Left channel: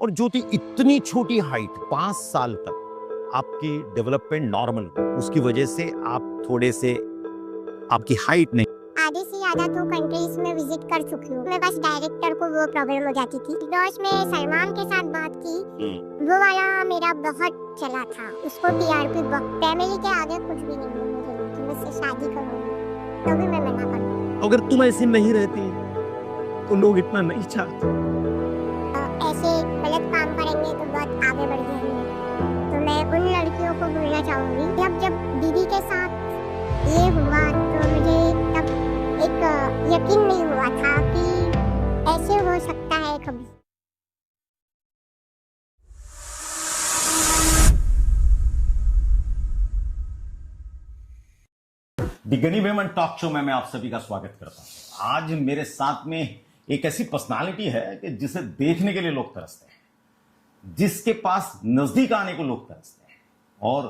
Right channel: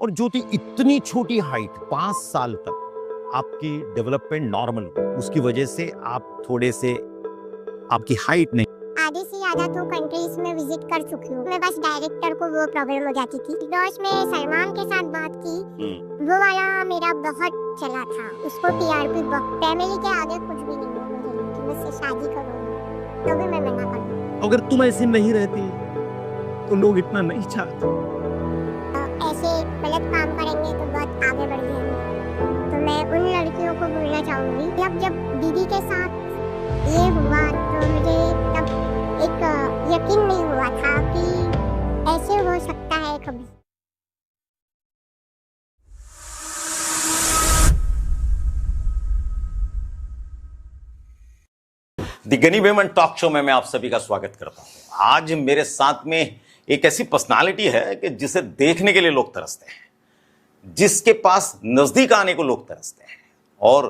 और ज्योति इतनी छोटी हाइट 5 साल तक आपकी डेवलपमेंट नॉर्मल, उसकी वजह से आप थोड़े से आपकी हाइट नहीं। आधे से ज्यादा तो कंट्रीज में विजिट कर चुकी हूँ मैं, बस डायरेक्टर को वो प्रॉब्लम हो जाती थी। बिकॉज में सलमान के साथ बात की, वो वाला मेरा बहुत चला था, उसको टीआरपी फैमिली के आगे कुछ भी नहीं है मेरे लिए कि मुझसे शादी करूँगी, तो भी मैं मना कर दूँ। अगर तुम ऐसी नहीं रहती तो लोग इतना नहीं चाहते। ऐसे गलत काम करेंगे तो बहुत आगे बढ़ जाएंगे। तो मैं उन लड़कियों को बोलना चाहूंगी, जब दीदी के साथ ये हुआ तो मुझे तब एक यकीन नहीं हुआ था कि ऐसे हो सकता है कभी। द गनी वेमन टॉक शो में मैं आप सभी का स्वागत करता हूं। आज मेरे साथ में एक ऐसी पर्सनालिटी है कि जिसे देखने के लिए लोग तरसते हैं, जिसके पास नजदीक आने को लोग तरसते हैं, और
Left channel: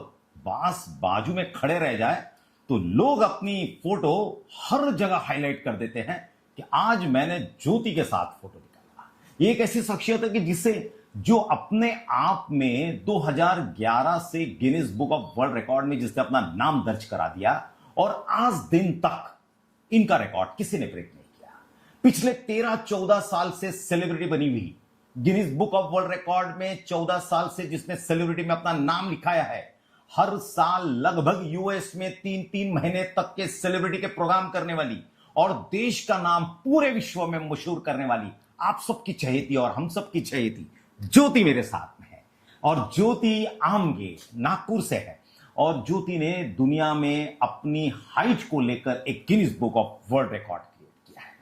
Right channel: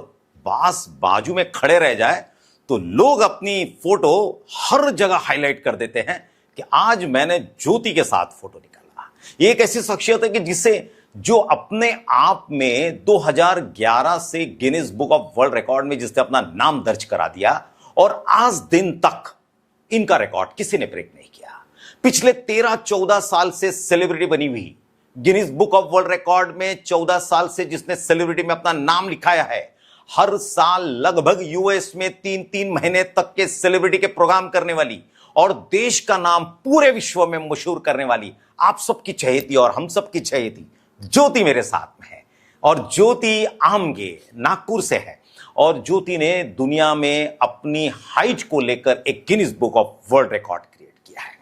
बास बाजू में खड़े रह जाए तो लोग अपनी फोटो हर जगह हाईलाइट कर देते हैं कि आज मैंने ज्योति के साथ फोटो निकाला। ये एक ऐसी शख्सियत है कि जो अपने आप में 2011 से Guinness book of world record में जिसने अपना नाम दर्ज करा दिया, और आज दिन तक इनका रिकॉर्ड किसी ने ब्रेक नहीं किया। पिछले 13-14 साल से सेलिब्रिटी बनी हुई, Guinness book of world record में 14 साल से जिसने सेलिब्रिटी में अपना नाम लिखाया है, हर साल लगभग यूएस में 3-3 महीने तक के सेलिब्रिटी के प्रोग्राम करने वाली और देश का नाम पूरे विश्व में मशहूर करने वाली आप सबकी चहेती और हम सबकी चहेती ज्योति मेरे साथ में है। और ज्योति आमगे नागपुर से है, और ज्योति ने दुनिया में अपनी हाइट को लेकर एक Guinness book of world record create किया है।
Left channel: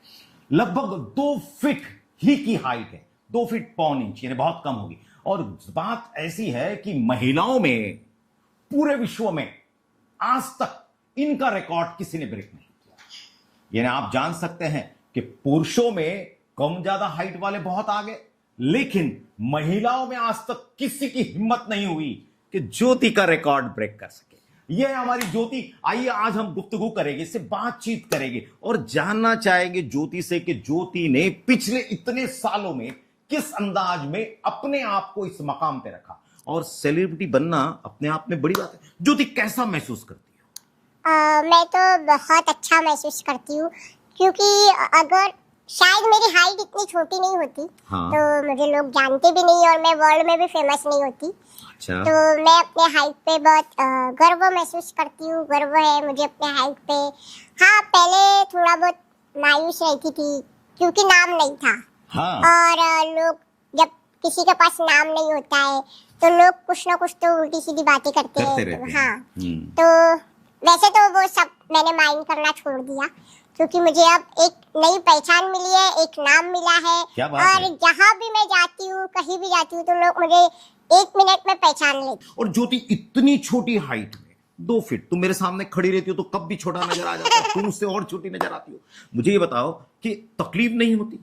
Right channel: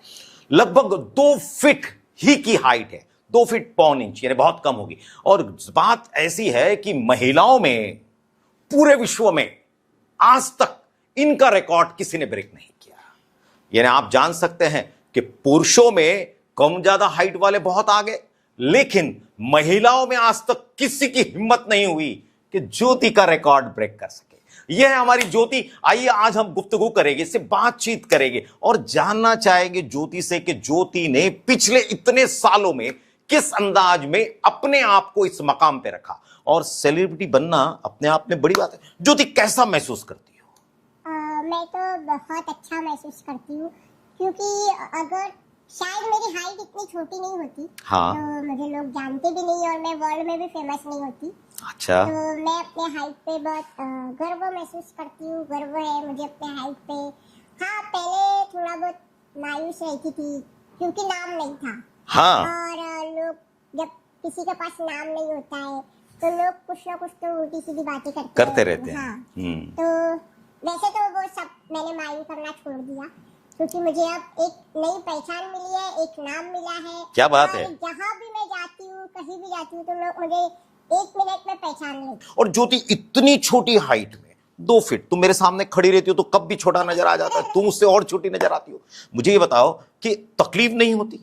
लगभग 2 फीट ही की हाइट है, 2 फीट पौन इंच, यानी बहुत कम होगी। और बात ऐसी है कि महिलाओं में पूरे विश्व में आज तक इनका रिकॉर्ड किसी ने ब्रेक नहीं किया। यानी आप जान सकते हैं कि पुरुषों में कम ज्यादा हाइट वाले बहुत आगे, लेकिन महिलाओं में आज तक किसी की हिम्मत नहीं हुई कि ज्योति का रिकॉर्ड ब्रेक कर सके। यह है हमारी ज्योति। आइए आज हम गुफ्तगू करेंगे, इससे बातचीत करेंगे और जानना चाहेंगे ज्योति से कि ज्योति ने पिछले इतने सालों में किस अंदाज में अपने आप को इस मकाम पे रखा। और सेलिब्रिटी बनना अपने आप में बड़ी बात है। ज्योति कैसा महसूस करती हो? मैं तो बहुत अच्छा महसूस करती हूँ, क्योंकि अगर शायद मेरी हाइट इतनी छोटी नहीं होती, हाँ। तो मुझे लोग जानते भी नहीं और मैं वर्ल्ड में भी फेमस नहीं होती। अच्छा। तो मैं अपने हाइट पे बहुत गर्व महसूस करती हूँ, गर्व है मुझे अपने हाइट पे। हाँ, पहले थोड़ा बहुत मायूस रहती थी क्योंकि नाम नहीं था। हाँ। और लोग, जब किसी के पास नाम नहीं होता है तो लोग कुछ ना कुछ तो उल्टी सीधी बातें करते रहते हैं। हाँ। तो वैसे तो वो सब मैंने माइंड करना छोड़ दिया, क्योंकि मुझे अब एक नई पहचान मिली है, एक नाम मिला है। क्या बात और है? जहाँ भी मैं जाती हूँ, कहीं भी जाती हूँ, तो लोग मुझे 1 मिनट में पहचान लेते। और ज्योति इतनी छोटी हाइट में 2 फीट, तुम मेरे सामने खड़ी रहती हो तो कब भी छोटा नजर आ जाता है, तुम उससे और छोटी नजर आती हो। मुझे ये बताओ कि तकलीफ नहीं होती?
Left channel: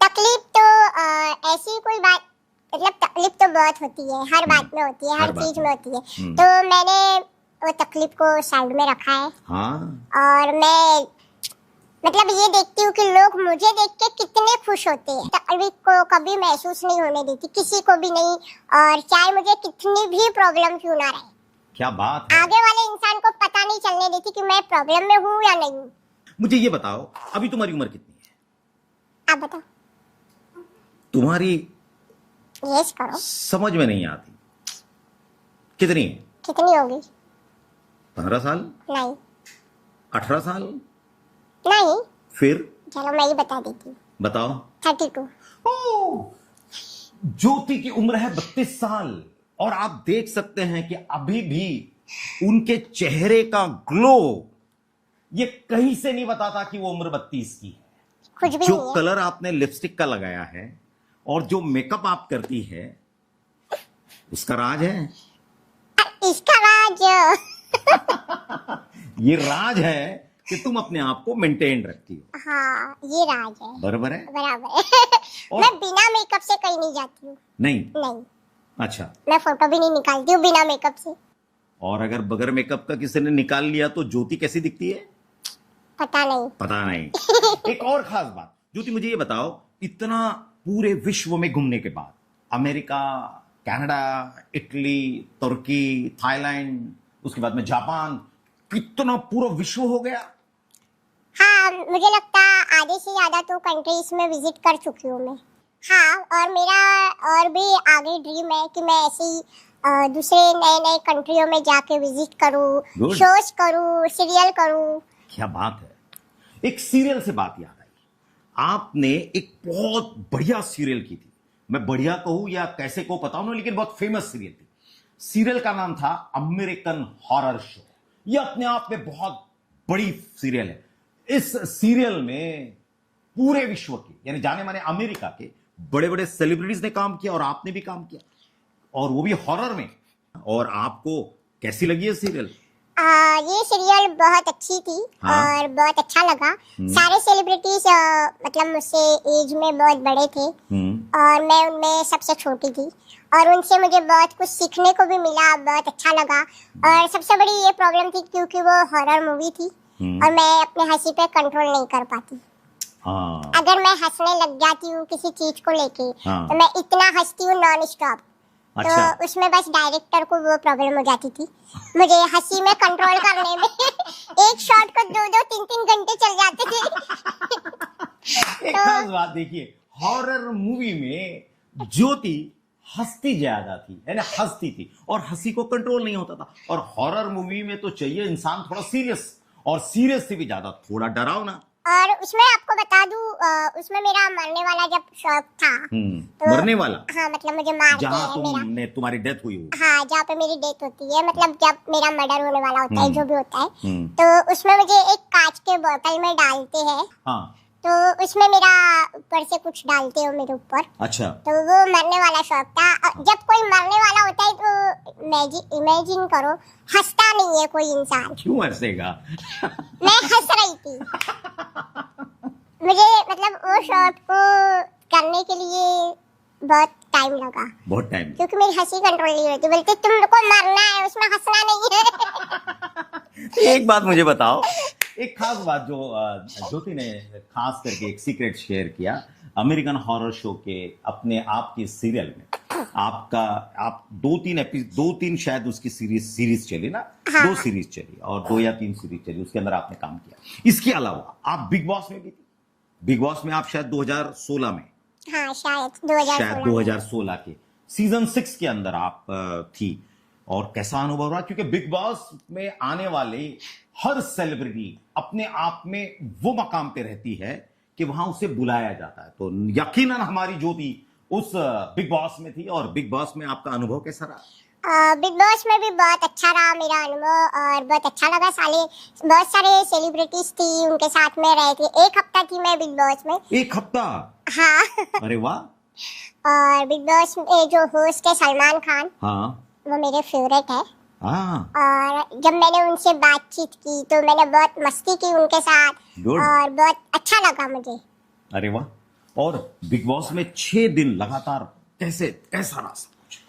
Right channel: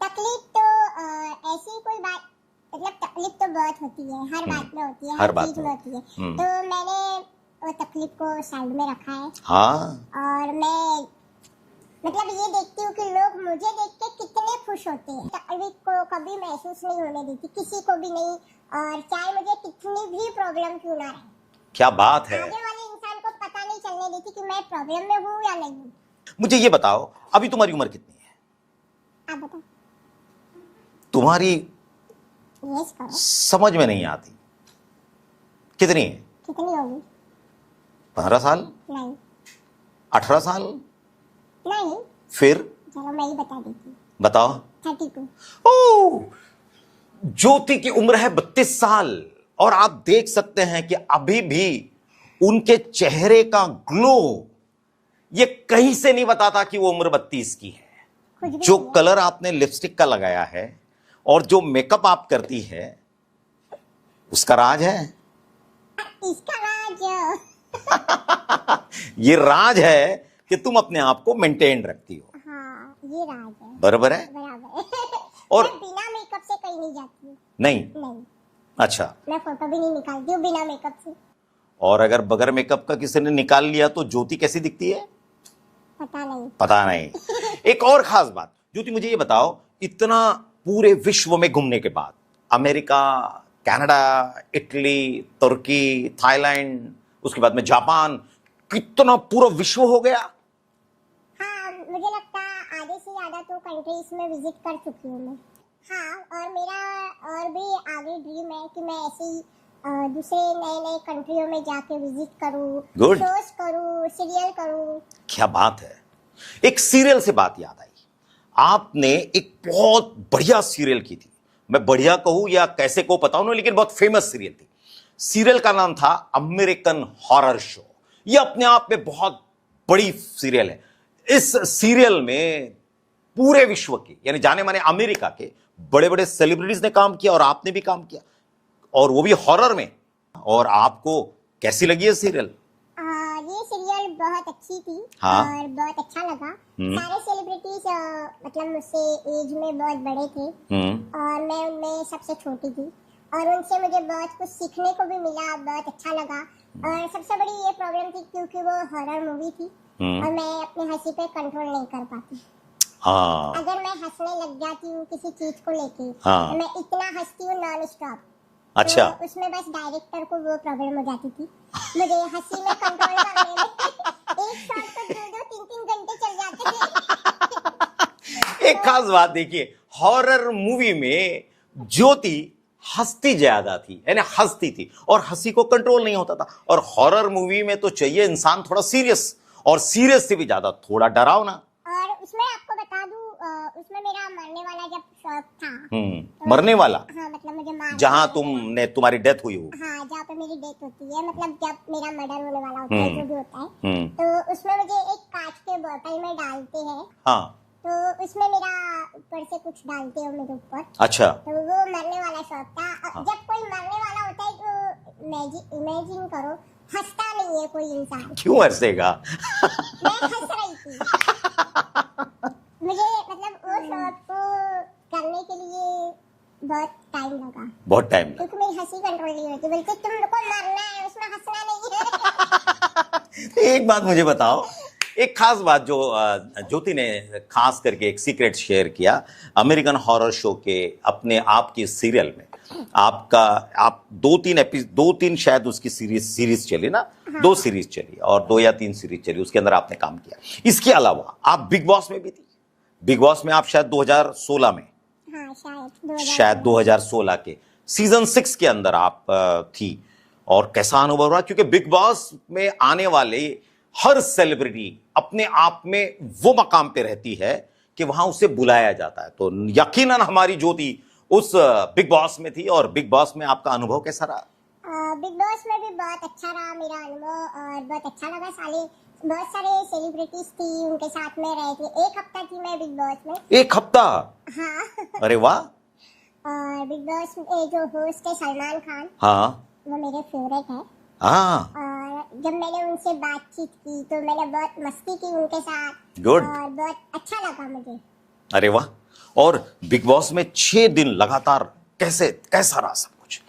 तकलीफ तो ऐसी कोई बात, मतलब तकलीफ तो बहुत होती है, हर बात में होती है, हर चीज में होती है। तो मैंने वो तकलीफ को साइड में रखा है। हाँ। और मैं मतलब ये देखती हूँ कि लोग मुझे देख के कितने खुश होते हैं। तकलीफ को कभी महसूस नहीं होने देती, किसी को भी नहीं, और चाहे मुझे कितनी भी प्रॉब्लम क्यों ना रहे। क्या बात है? आगे वाले इंसान को पता नहीं चलने देती कि मैं प्रॉब्लम में हूँ या नहीं। मुझे ये बताओ, अभी तुम्हारी उम्र कितनी है? आप बताओ। तुम्हारी यस करो। समझ में नहीं आती। कितनी है? कितनी होगी? 15 साल? नहीं। 18 साल? नहीं। फिर? चलो मैं ही बता देती हूँ। बताओ। 32। ओह, ज्योति की उम्र है 32 साल, और आप देख सकते हैं कि अभी भी उनके चेहरे का ग्लो ये कहीं से नहीं बताता कि वो उम्र 32 की है। कुछ भी जो नहीं है। कलर आपने लिपस्टिक का लगाया है और जो मेकअप आप करती है, उसका राज है। इसका राज ये राज है कि तुम अपने आप को मेंटेन रखती हो। हाँ, ये राज है। बराबर है? बराबर है। और मैं बिना मेकअप से कहीं नहीं जाती हूँ। नहीं? नहीं। अच्छा। मैं फोटो भी नहीं निकालती हूँ बिना मेकअप से। और अगर बगैर मेकअप का किसी ने निकाल लिया तो ज्योति कैसी दिखती है? पता नहीं। पता नहीं। एक और खास बात, ज्योति मुझे ये बताओ, इतना पूरे विश्व में घूमने के बाद अमेरिका, कनाडा, इटली, तुर्की, थाईलैंड, उसके बाद में जापान, कितना पूरा विश्व हो गया। हाँ, मुझे लगता है आधे से ज्यादा तो कंट्रीज में विजिट कर चुकी हूँ मैं। हाँ, और मेरा और भी आगे ड्रीम है कि मैं ऐसे ही दूसरे नए नए कंट्रियों में जाके विजिट करूँ, Good. शोज करूँ, सीरियल करूँ। क्या बात है। एक सीरियल से बात याद आई, आपने एक बहुत बढ़िया सीरियल की थी। मैं बढ़िया कहूं या कैसे को पता नहीं, लेकिन बहुत फेमस सीरियल थी। सीरियल का नाम था अमेरिकन हॉरर शो। यह अपने आप में बहुत बड़ी सीरियल है। इस सीरियल में पूरे विश्व के यानी जाने माने अमेरिका के बड़े बड़े सेलिब्रिटीज ने काम किया और आपने भी काम किया, और वो भी हॉरर में। और आपको कैसी लगी है सीरियल? ये सीरियल बहुत अच्छी थी। हाँ। और बहुत अच्छा लगा। सारे सेलिब्रिटीज मतलब मुझसे एज में बहुत बड़े थे और मैं उनमें सबसे छोटी थी, और उनसे मुझे बहुत कुछ सीखने को भी मिला, बहुत अच्छा लगा। और सबसे बड़ी ये प्रॉब्लम थी क्योंकि वो हॉरर मूवी थी और मैं अपने हंसी पे कंट्रोल नहीं कर पाती। हाँ। अगर मैं हंसने लग जाती हूँ किसी चीज को लेके, हाँ। तो मैं इतना हंसती हूँ नॉन स्टॉप। अच्छा। तो उसमें बस डायरेक्टर को वो प्रॉब्लम हो जाती थी, मुझे हंसी में कंट्रोल करने में। एक शॉट को 2-2, 3-3 घंटे चल जाते थे। एक खास बात देखिए, हॉरर मूवी में ज्योति हंसती ज्यादा थी, यानी हंसती थी और हंसी को कंट्रोल नहीं होता था। और हॉरर मूवी में तो चाहिए इंसान थोड़ा सीरियस, और सीरियस से भी ज्यादा थोड़ा डरावना। और उसमें आपको बता दूं, उसमें मेरा मरने वाला जब शौक था। तो, मरने वाला? हाँ, मतलब मुझे मार जहां तुम्हारी डेथ हुई हो? हाँ, जहाँ पे मेरी डेथ होती है, मतलब जब मेरा मर्डर होने वाला होता है, जो भी होता है, तो उसमें मुझे एक कांच के बोतल में डालते हैं। हाँ। तो उसमें मेरा ऊपर से कुछ डालते हो मेरे ऊपर। अच्छा। तो वो मरने वाला शौक था। जब कोई मरने वाला होता है तो इमेजिन करो, हंसता नहीं है कोई इंसान। क्यों हंसेगा? मैं हंस रही थी। मुझे मतलब वो शॉट को करने के लिए बहुत टाइम लगा। बहुत टाइम? क्योंकि मेरी हंसी कंट्रोल नहीं होती। बोलते तुमको मरना है, उसमें हंसना नहीं है। एक बात मुझे बताओ, एक खास बात जो ज्योति ने खास करके एक सीक्रेट शेयर किया अमेरिकन हॉरर शो के अपने आप की सीरियल में। आप 2-3 शायद उसकी सीरीज चली ना। हाँ। 2 सीरीज चली और 2 या 3 सीरीज चली, उसके अंदर आपने काम किया। इसके अलावा आप बिग बॉस में भी थी। बिग बॉस में आप शायद 2016 में, हाँ, शायद 2016 के सीजन 6 के अंदर आप थी। और कैसा अनुभव रहा? क्योंकि बिग बॉस में आने वाले हर सेलिब्रिटी अपने आप में वो मकाम पे रहती है कि वहां उसे बुलाया जाता है। तो यकीनन हमारी ज्योति उस बिग बॉस में थी, और बिग बॉस में आपका अनुभव कैसा रहा? बिग बॉस में भी बहुत अच्छा रहा मेरा अनुभव, और बहुत अच्छा लगा। बहुत सारे सेलिब्रिटीज थी, उनके साथ में रहे थे। 1 हफ्ता थी मैं बिग बॉस में। 1 हफ्ता? हाँ। अरे वाह। और बिग बॉस में जो होस्ट है सलमान खान, हाँ, वो मेरे फेवरेट है। हाँ। और जब मैंने उनसे बातचीत की तो मैंने बहुत मस्ती की उनके साथ। Good. और बहुत अच्छा लगा मुझे। अरे वाह। और बिग बॉस में 6 दिन लगातार कैसा रहा सब कुछ?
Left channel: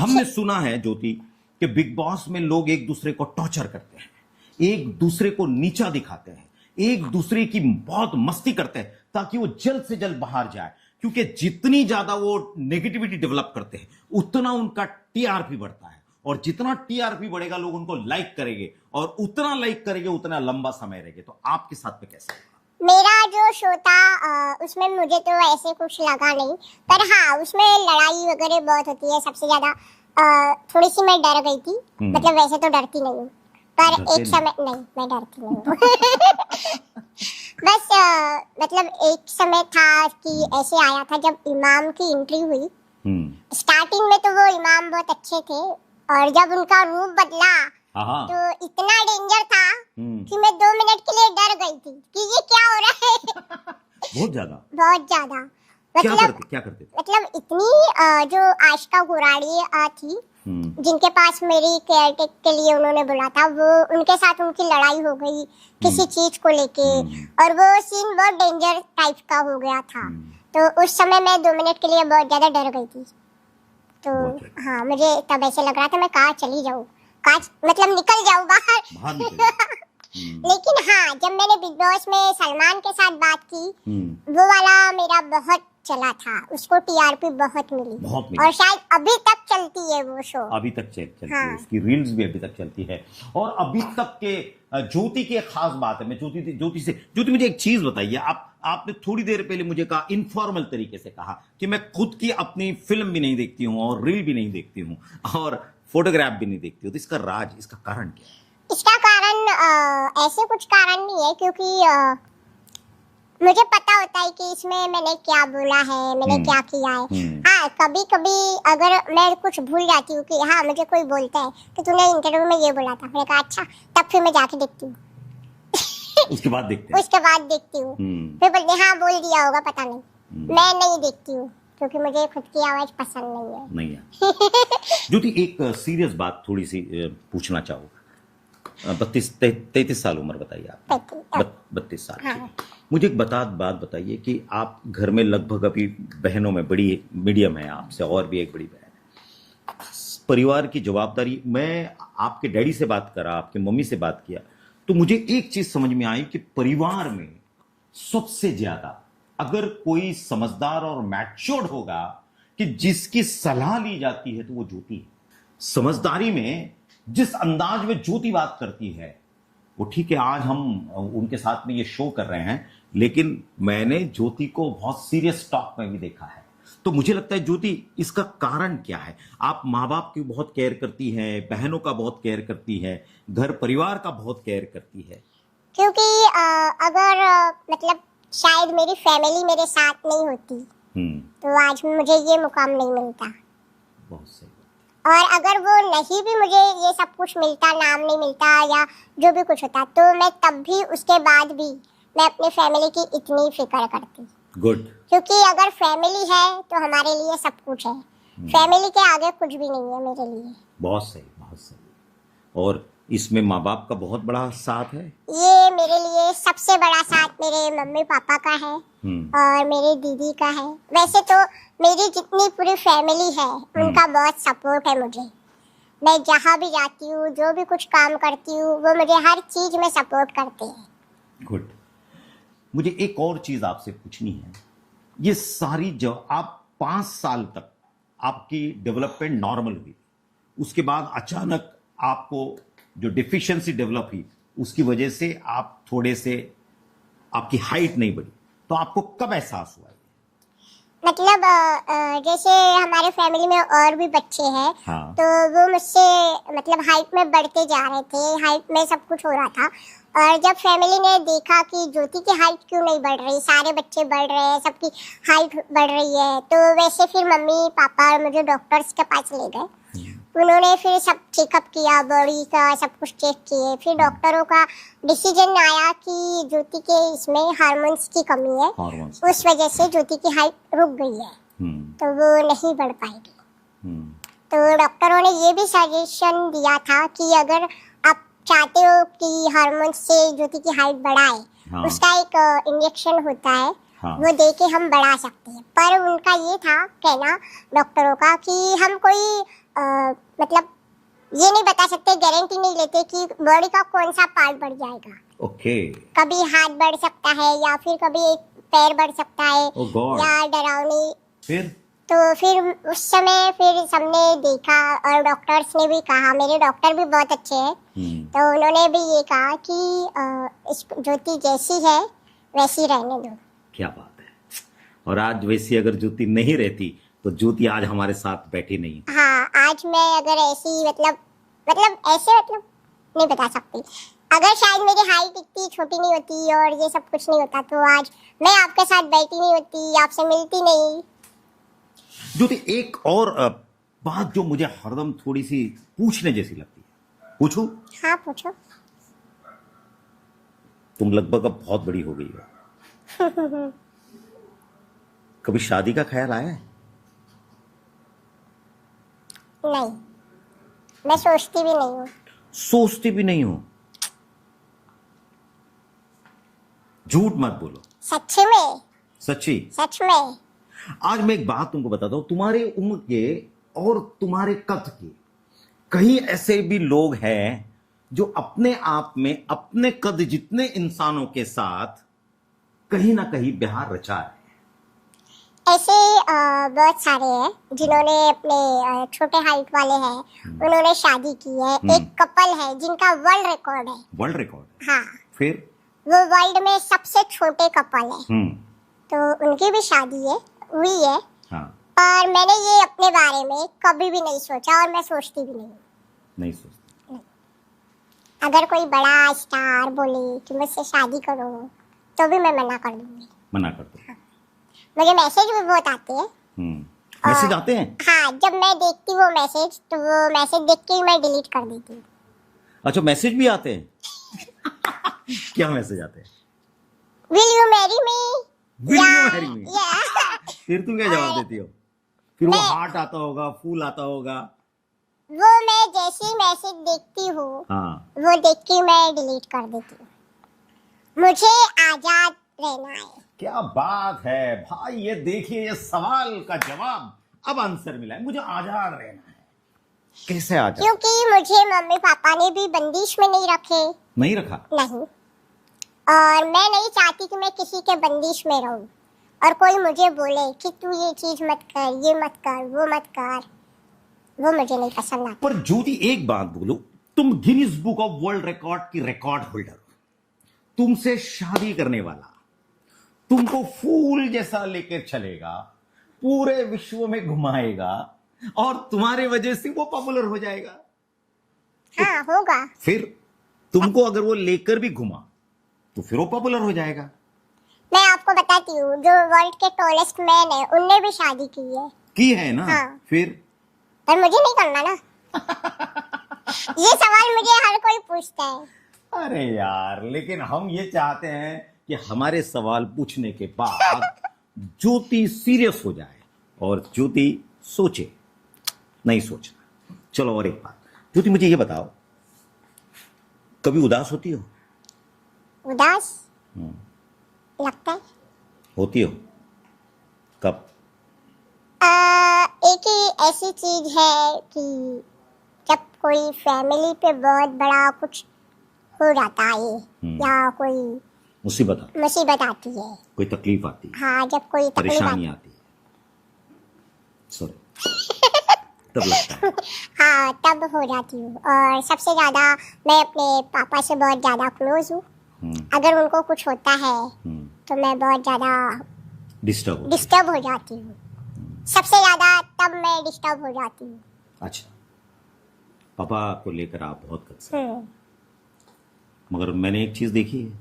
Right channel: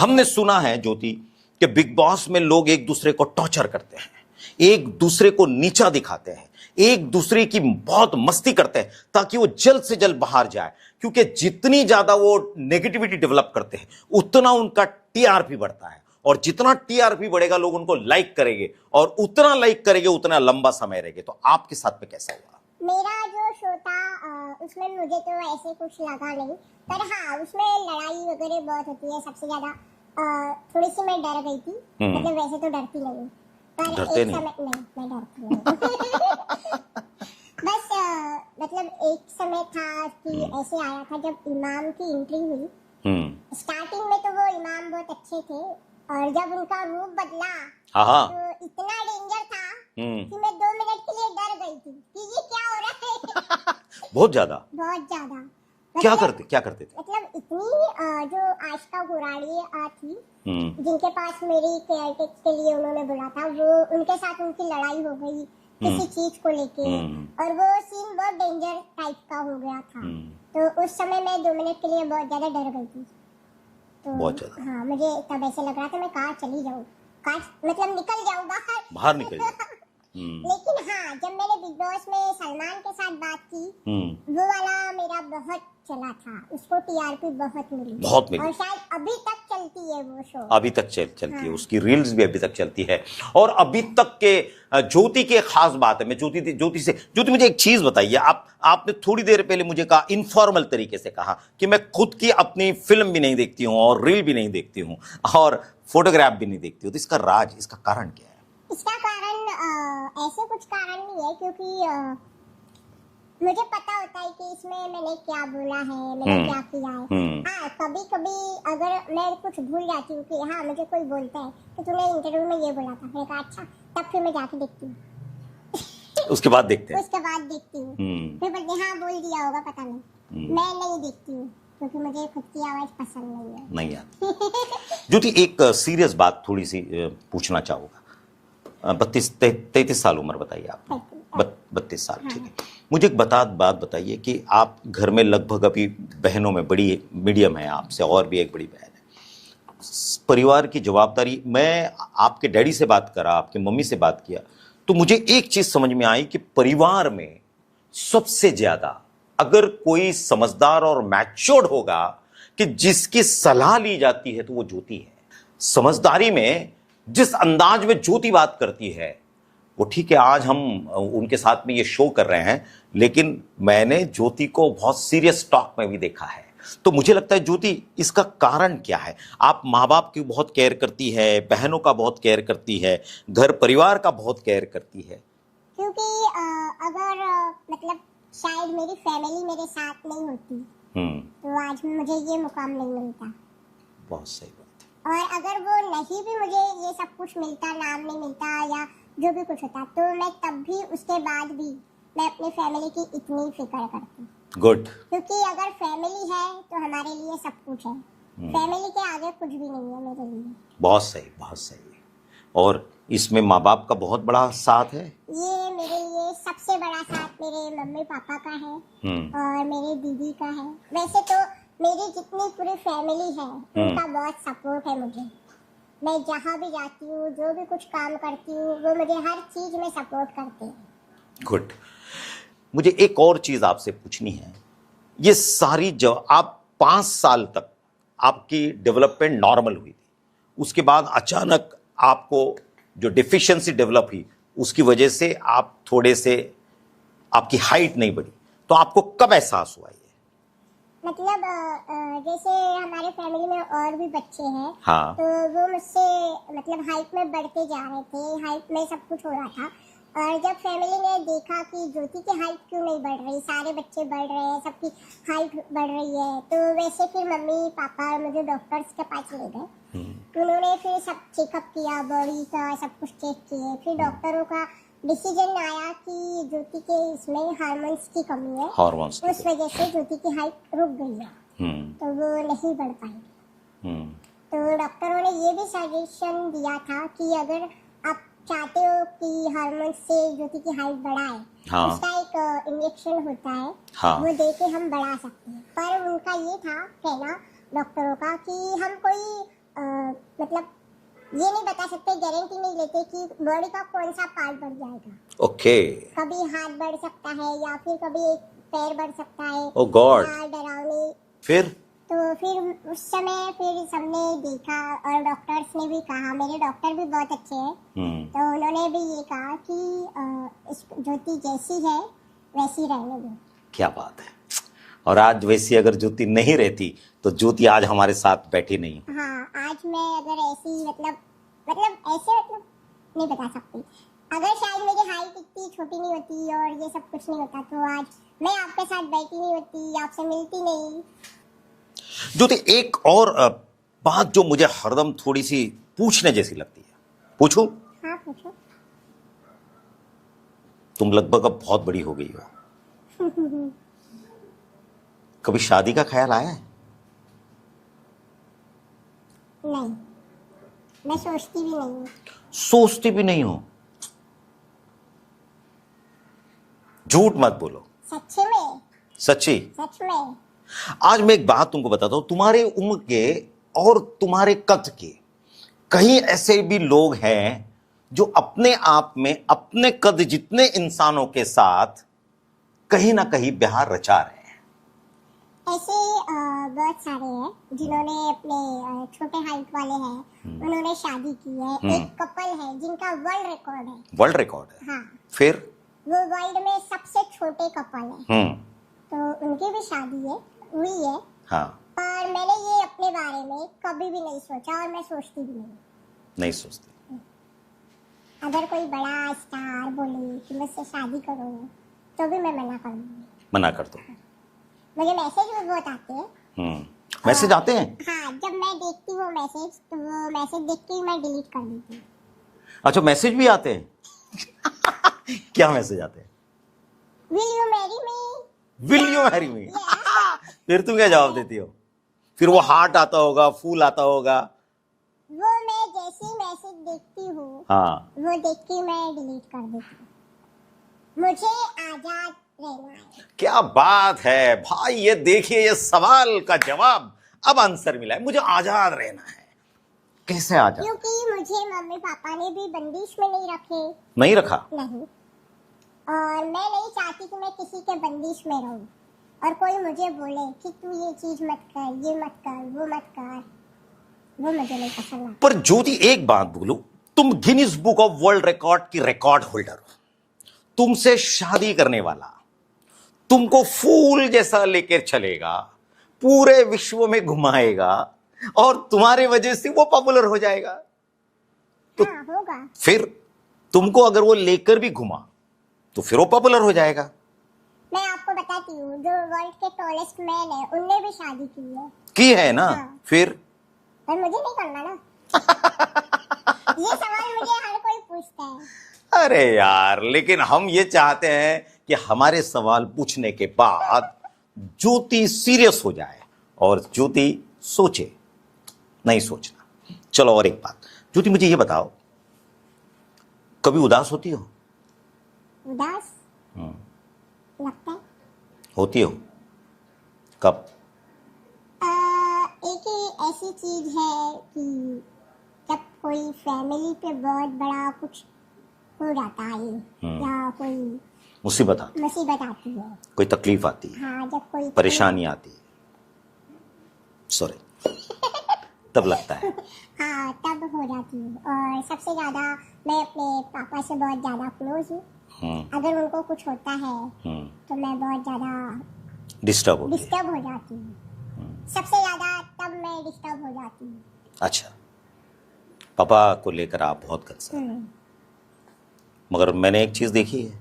हमने सुना है ज्योति कि बिग बॉस में लोग एक दूसरे को टॉर्चर करते हैं, एक दूसरे को नीचा दिखाते हैं, एक दूसरे की बहुत मस्ती करते हैं ताकि वो जल्द से जल्द बाहर जाए। क्योंकि जितनी ज्यादा वो नेगेटिविटी डेवलप करते हैं उतना उनका टीआरपी बढ़ता है, और जितना टीआरपी बढ़ेगा लोग उनको लाइक करेंगे, और उतना लाइक करेंगे उतना लंबा समय रहेगा। तो आपके साथ में कैसा हुआ? मेरा जो शो था उसमें मुझे तो ऐसे कुछ लगा नहीं, पर हाँ, उसमें लड़ाई वगैरह बहुत होती है। सबसे ज्यादा थोड़ी सी मैं डर गई थी। मतलब वैसे तो डरती नहीं हूँ, पर एक समय नहीं, मैं डरती नहीं हूँ। बस मतलब एक समय था कि ऐसे आया था जब इमाम की एंट्री हुई। स्टार्टिंग में तो वो इमाम बहुत अच्छे थे, और जब उनका रूप बदला तो इतना डेंजर था कि मैं 2 मिनट के लिए डर गई थी कि ये क्या हो रहा है। बहुत ज्यादा? बहुत ज्यादा। क्या करते थे? मतलब इतनी जो आशिका गुराड़ी थी, जिनके पास मेरी केयरटेक के लिए उन्होंने बुला था, वो उनके साथ उनकी लड़ाई हो गई किसी चीज को लेके, और वो सीन बहुत डेंजर टाइप का हो गया था। तो उस समय मैं 2 मिनट के लिए बहुत ज्यादा डर गई थी। तो हाँ, मुझे तब ऐसे लग रहा था मैं कहाँ चली जाऊँ, मतलब निकल जाऊँ बाहर निकल लेकिन हाँ, जब मैंने बिग बॉस में सलमान के साथ बात की, वो वाला मेरा बहुत चला था, उसको टीआरपी बहुत मिली बहुत मिली। और शायद अभी तक चलती है वो शो। अभी तक चलती है, हाँ। उसकी रील्स भी अभी तक चलती है। और अभी तक के ज्योति की एक खास बात है। मैं ज्योति मुझे एक चीज बताइए। आपने थोड़ी देर पहले मुझे कहा, इनफॉर्मल तरीके से कहा कि मैं खुद की अपनी फिल्म भी नहीं देखती हूं और रील भी नहीं देखती हूं और फोटोग्राफ भी नहीं देखती हूं, तो इसका राज, इसका कारण क्या है? इसका कारण ऐसे कुछ कारण नहीं है, क्योंकि मुझे पता होता है कि इसमें मैंने क्या बोला है, मैंने क्या किया है। हाँ, कभी कभी अगर मैं कुछ भूल जाती हूँ कि हाँ मुझे कोई बोलता है कि तूने इंटरव्यू में ये बोला था, मैंने कहा अच्छा, तब फिर मैं जाके देखती हूँ। उसके बाद देखते हैं। उसके बाद देखती हूँ, फिर बोलते हाँ बोल दिया होगा, पता नहीं। मैं नहीं देखती हूँ क्योंकि मुझे खुद की आवाज पसंद नहीं है। नहीं आती। ज्योति, एक सीरियस बात थोड़ी सी पूछना चाहूंगा। 33 साल उम्र बताइए आप। 32 साल, ठीक है। मुझे एक बात बताइए कि आप घर में लगभग अभी बहनों में बड़ी मीडियम है आपसे, और भी एक बड़ी बहन है। परिवार की जवाबदारी, मैं आपके डैडी से बात करा, आपकी मम्मी से बात किया, तो मुझे एक चीज समझ में आई कि परिवार में सबसे ज्यादा अगर कोई समझदार और मैच्योर्ड होगा कि जिसकी सलाह ली जाती है, तो वो ज्योति है। समझदारी में जिस अंदाज में ज्योति बात करती है वो, ठीक है, आज हम उनके साथ में ये शो कर रहे हैं, लेकिन मैंने ज्योति को बहुत सीरियस टॉक में भी देखा है। तो मुझे लगता है ज्योति, इसका कारण क्या है? आप माँ बाप की बहुत केयर करती है, बहनों का बहुत केयर करती है, घर परिवार का बहुत केयर करती है। क्योंकि अगर मतलब शायद मेरी फैमिली मेरे साथ नहीं होती तो आज मुझे ये मुकाम नहीं मिलता। बहुत सही। और अगर वो नहीं भी मुझे ये सब कुछ मिलता, नाम नहीं मिलता या जो भी कुछ होता, तो मैं तब भी, उसके बाद भी मैं अपनी फैमिली की इतनी फिक्र करती। गुड। क्योंकि अगर फैमिली है तो हमारे लिए सब कुछ है। फैमिली के आगे कुछ भी नहीं है मेरे लिए। बहुत सही, बहुत सही। और इसमें माँ बाप का बहुत बड़ा साथ है। ये मेरे लिए सबसे बड़ा साथ मेरे मम्मी पापा का है और मेरी दीदी का है। वैसे तो मेरी जितनी पूरी फैमिली है उनका बहुत सपोर्ट है मुझे। मैं जहाँ भी जाती हूँ, जो भी कुछ काम करती हूँ, वो मुझे हर चीज में सपोर्ट करते हैं। गुड। मुझे एक और चीज आपसे पूछनी है। ये सारी जो आप 5 साल तक आपकी डेवलपमेंट नॉर्मल हुई, उसके बाद अचानक आपको जो डिफिशियंसी डेवलप हुई, उसकी वजह से आप थोड़े से, आपकी हाइट नहीं बढ़ी, तो आपको कब एहसास हुआ? मतलब जैसे हमारे फैमिली में और भी बच्चे हैं। हाँ। तो वो मुझसे मतलब हाइट में बढ़ते जा रहे थे, हाइट में सब कुछ हो रहा था। और जब फैमिली ने देखा कि ज्योति की हाइट क्यों नहीं बढ़ रही, सारे बच्चे बढ़ रहे हैं, सबकी हाइट बढ़ रही है, तो वैसे फिर मम्मी पापा मुझे डॉक्टर्स के पास ले गए। उन्होंने फिर सब चेकअप किया, बॉडी का सब कुछ चेक किए। फिर डॉक्टरों का डिसीजन आया कि ज्योति के इसमें हार्मोन्स की कमी है, उस वजह से ज्योति की हाइट रुक गई है, तो वो नहीं बढ़ पाएगी। तो डॉक्टरों ने ये भी सजेशन दिया था कि अगर आप चाहते हो कि हार्मोन्स से ज्योति की हाइट बढ़ाए, उसका एक इंजेक्शन होता है, वो दे के हम बढ़ा सकते हैं। पर उनका ये था कहना डॉक्टरों का कि हम कोई मतलब ये नहीं बता सकते, गारंटी नहीं लेते कि बॉडी का कौन सा पार्ट बढ़ जाएगा। ओके। कभी हाथ बढ़ सकता है या फिर कभी एक पैर बढ़ सकता है। ओह गॉड। या डरावनी। फिर उस समय फिर सबने देखा और डॉक्टर्स ने भी कहा, मेरे डॉक्टर भी बहुत अच्छे हैं, तो उन्होंने भी ये कहा कि ज्योति जैसी है वैसी रहने दो। क्या बात है। और आज वैसी अगर ज्योति नहीं रहती तो ज्योति आज हमारे साथ बैठी नहीं। हाँ, आज मैं अगर ऐसी मतलब नहीं बता सकती। अगर शायद मेरी हाइट इतनी छोटी नहीं होती और ये सब कुछ नहीं होता, तो आज मैं आपके साथ बैठी नहीं होती, आपसे मिलती नहीं। ज्योति, एक और बात जो मुझे हरदम थोड़ी सी पूछने जैसी लगती है, पूछूं? हाँ पूछो। तुम लगभग अब बहुत बड़ी हो गई हो, कभी शादी का ख्याल आया है? नहीं, मैं सोचती भी नहीं हूँ। सोचती भी नहीं हो? झूठ मत बोलो। सच्चे में? सच्ची? सच में। आज मैं एक बात तुमको बताता हूं, तुम्हारे उम्र के और तुम्हारे कद के कई ऐसे भी लोग हैं जो अपने आप में अपने कद जितने इंसानों के साथ कहीं ना कहीं प्यार रचा रहे हैं। ऐसे बहुत सारे हैं जिन्होंने अपने छोटे हाइट वाले हैं, उन्होंने शादी की है। एक कपल है जिनका वर्ल्ड रिकॉर्ड है। वर्ल्ड रिकॉर्ड है? हाँ, फिर वो वर्ल्ड में सबसे छोटे कपल है। हम्म। तो उनकी भी शादी है, हुई है। हाँ। पर मैंने ये अपने बारे में कभी भी नहीं सोचा और मैं सोचती भी नहीं। नहीं सोचते? अगर कोई बड़ा स्टार बोले कि मुझसे शादी करो तो भी मैं मना कर दूंगी। मना कर दो। मुझे मैसेज भी बहुत आते हैं। मैसेज आते हैं? हाँ, जब मैं देखती हूँ वो मैसेज तो वो मैसेज देख के ही मैं डिलीट कर देती हूँ। अच्छा, मैसेज भी आते हैं? क्या मैसेज आते हैं? Will you marry me? Will you marry me? फिर तुम क्या जवाब देती हो? फिर वो हार्ट आता होगा, फूल आता होगा? वो मैं जैसे ही मैसेज देखती हूँ, हाँ, वो देख के मैं डिलीट कर देती हूँ। मुझे आजाद रहना है। क्या बात है भाई! ये देखिए, ये सवाल का जवाब अब आंसर मिला है। मुझे आजाद रहना है। कैसे आजाद? क्योंकि मुझे मम्मी पापा ने भी बंदिश में नहीं रखे। नहीं रखा? नहीं। और मैं नहीं चाहती कि मैं किसी के बंदिश में रहूं और कोई मुझे बोले कि तू ये चीज मत कर, ये मत कर, वो मत कर, वो मुझे नहीं पसंद आता। पर ज्योति, एक बात बोलो, तुम Guinness book of world record की रिकॉर्ड होल्डर हो। तुमसे शादी करने वाला तुमको फूल जैसा लेकर चलेगा, पूरे विश्व में घुमाएगा और तुम्हारी वजह से वो पॉपुलर हो जाएगा। हाँ, होगा। फिर तुमको अगर वो लेकर भी घुमा तो फिर वो पॉपुलर हो जाएगा। मैं आपको बताती हूँ, जो वर्ल्ड के टॉलेस्ट मैन है उनने भी शादी की है ना? हाँ। फिर पर मुझे नहीं करना ना। ये सवाल मुझे हर कोई पूछता है। अरे यार, लेकिन हम ये चाहते हैं कि हमारे सवाल पूछने के बाद ज्योति सीरियस हो जाए और ज्योति सोचे, नहीं सोचना। चलो, और एक बात ज्योति, मुझे ये बताओ, कभी उदास होती हो? उदास लगता है। होती हो? कब? एक ही ऐसी चीज है कि जब कोई फैमिली पे बहुत बड़ा कुछ हो जाता है या कोई मुसीबत आती है, कोई तकलीफ आती है, हाँ, जब कोई परेशानी आती है, सॉरी, तब लगता है। हाँ, तब हो जाती हूँ। और सबसे ज्यादा मैं अपने पापा से बहुत ज्यादा क्लोज हूँ। अगर उनको कुछ होता है तो मैं बहुत ज्यादा डिस्टर्ब हो जाती हूँ। सबसे ज्यादा तब मैं डिस्टर्ब हो जाती हूँ। अच्छा, पापा को लेकर आप बहुत कंसर्न। मगर मैंने एक चीज देखी है,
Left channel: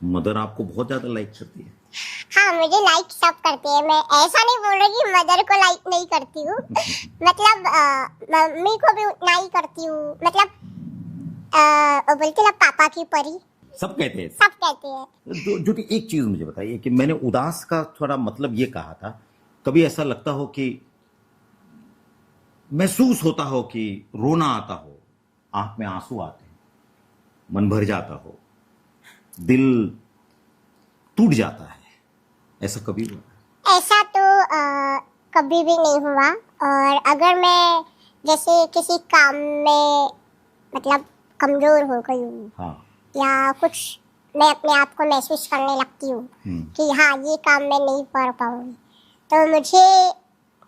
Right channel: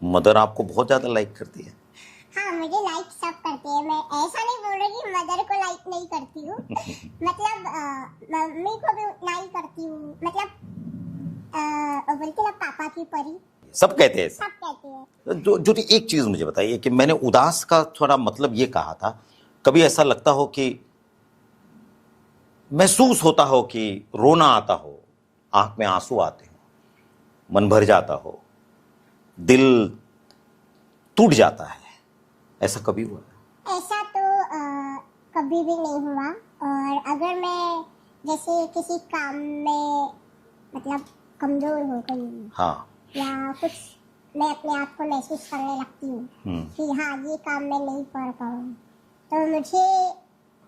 मदर आपको बहुत ज्यादा लाइक करती है। हाँ, मुझे लाइक सब करते हैं। मैं ऐसा नहीं बोल रही कि मदर को लाइक नहीं करती हूँ। मतलब मम्मी को भी उतना ही करती हूँ। मतलब बोलते ना, पापा की परी। सब कहते हैं। सब कहते हैं। जो एक चीज मुझे बताइए कि मैंने उदास का थोड़ा मतलब ये कहा था, कभी ऐसा लगता हो कि महसूस होता हो कि रोना आता हो, आंख में आंसू आते हो, मन भर जाता हो, दिल टूट जाता है, ऐसा कभी हुआ? ऐसा तो कभी भी नहीं हुआ। और अगर मैं जैसे किसी काम में मतलब कमजोर हो गई हूँ, हाँ, या कुछ मैं अपने आप को महसूस करने लगती हूँ कि हाँ, ये काम मैं नहीं कर पाऊंगी, तो मुझे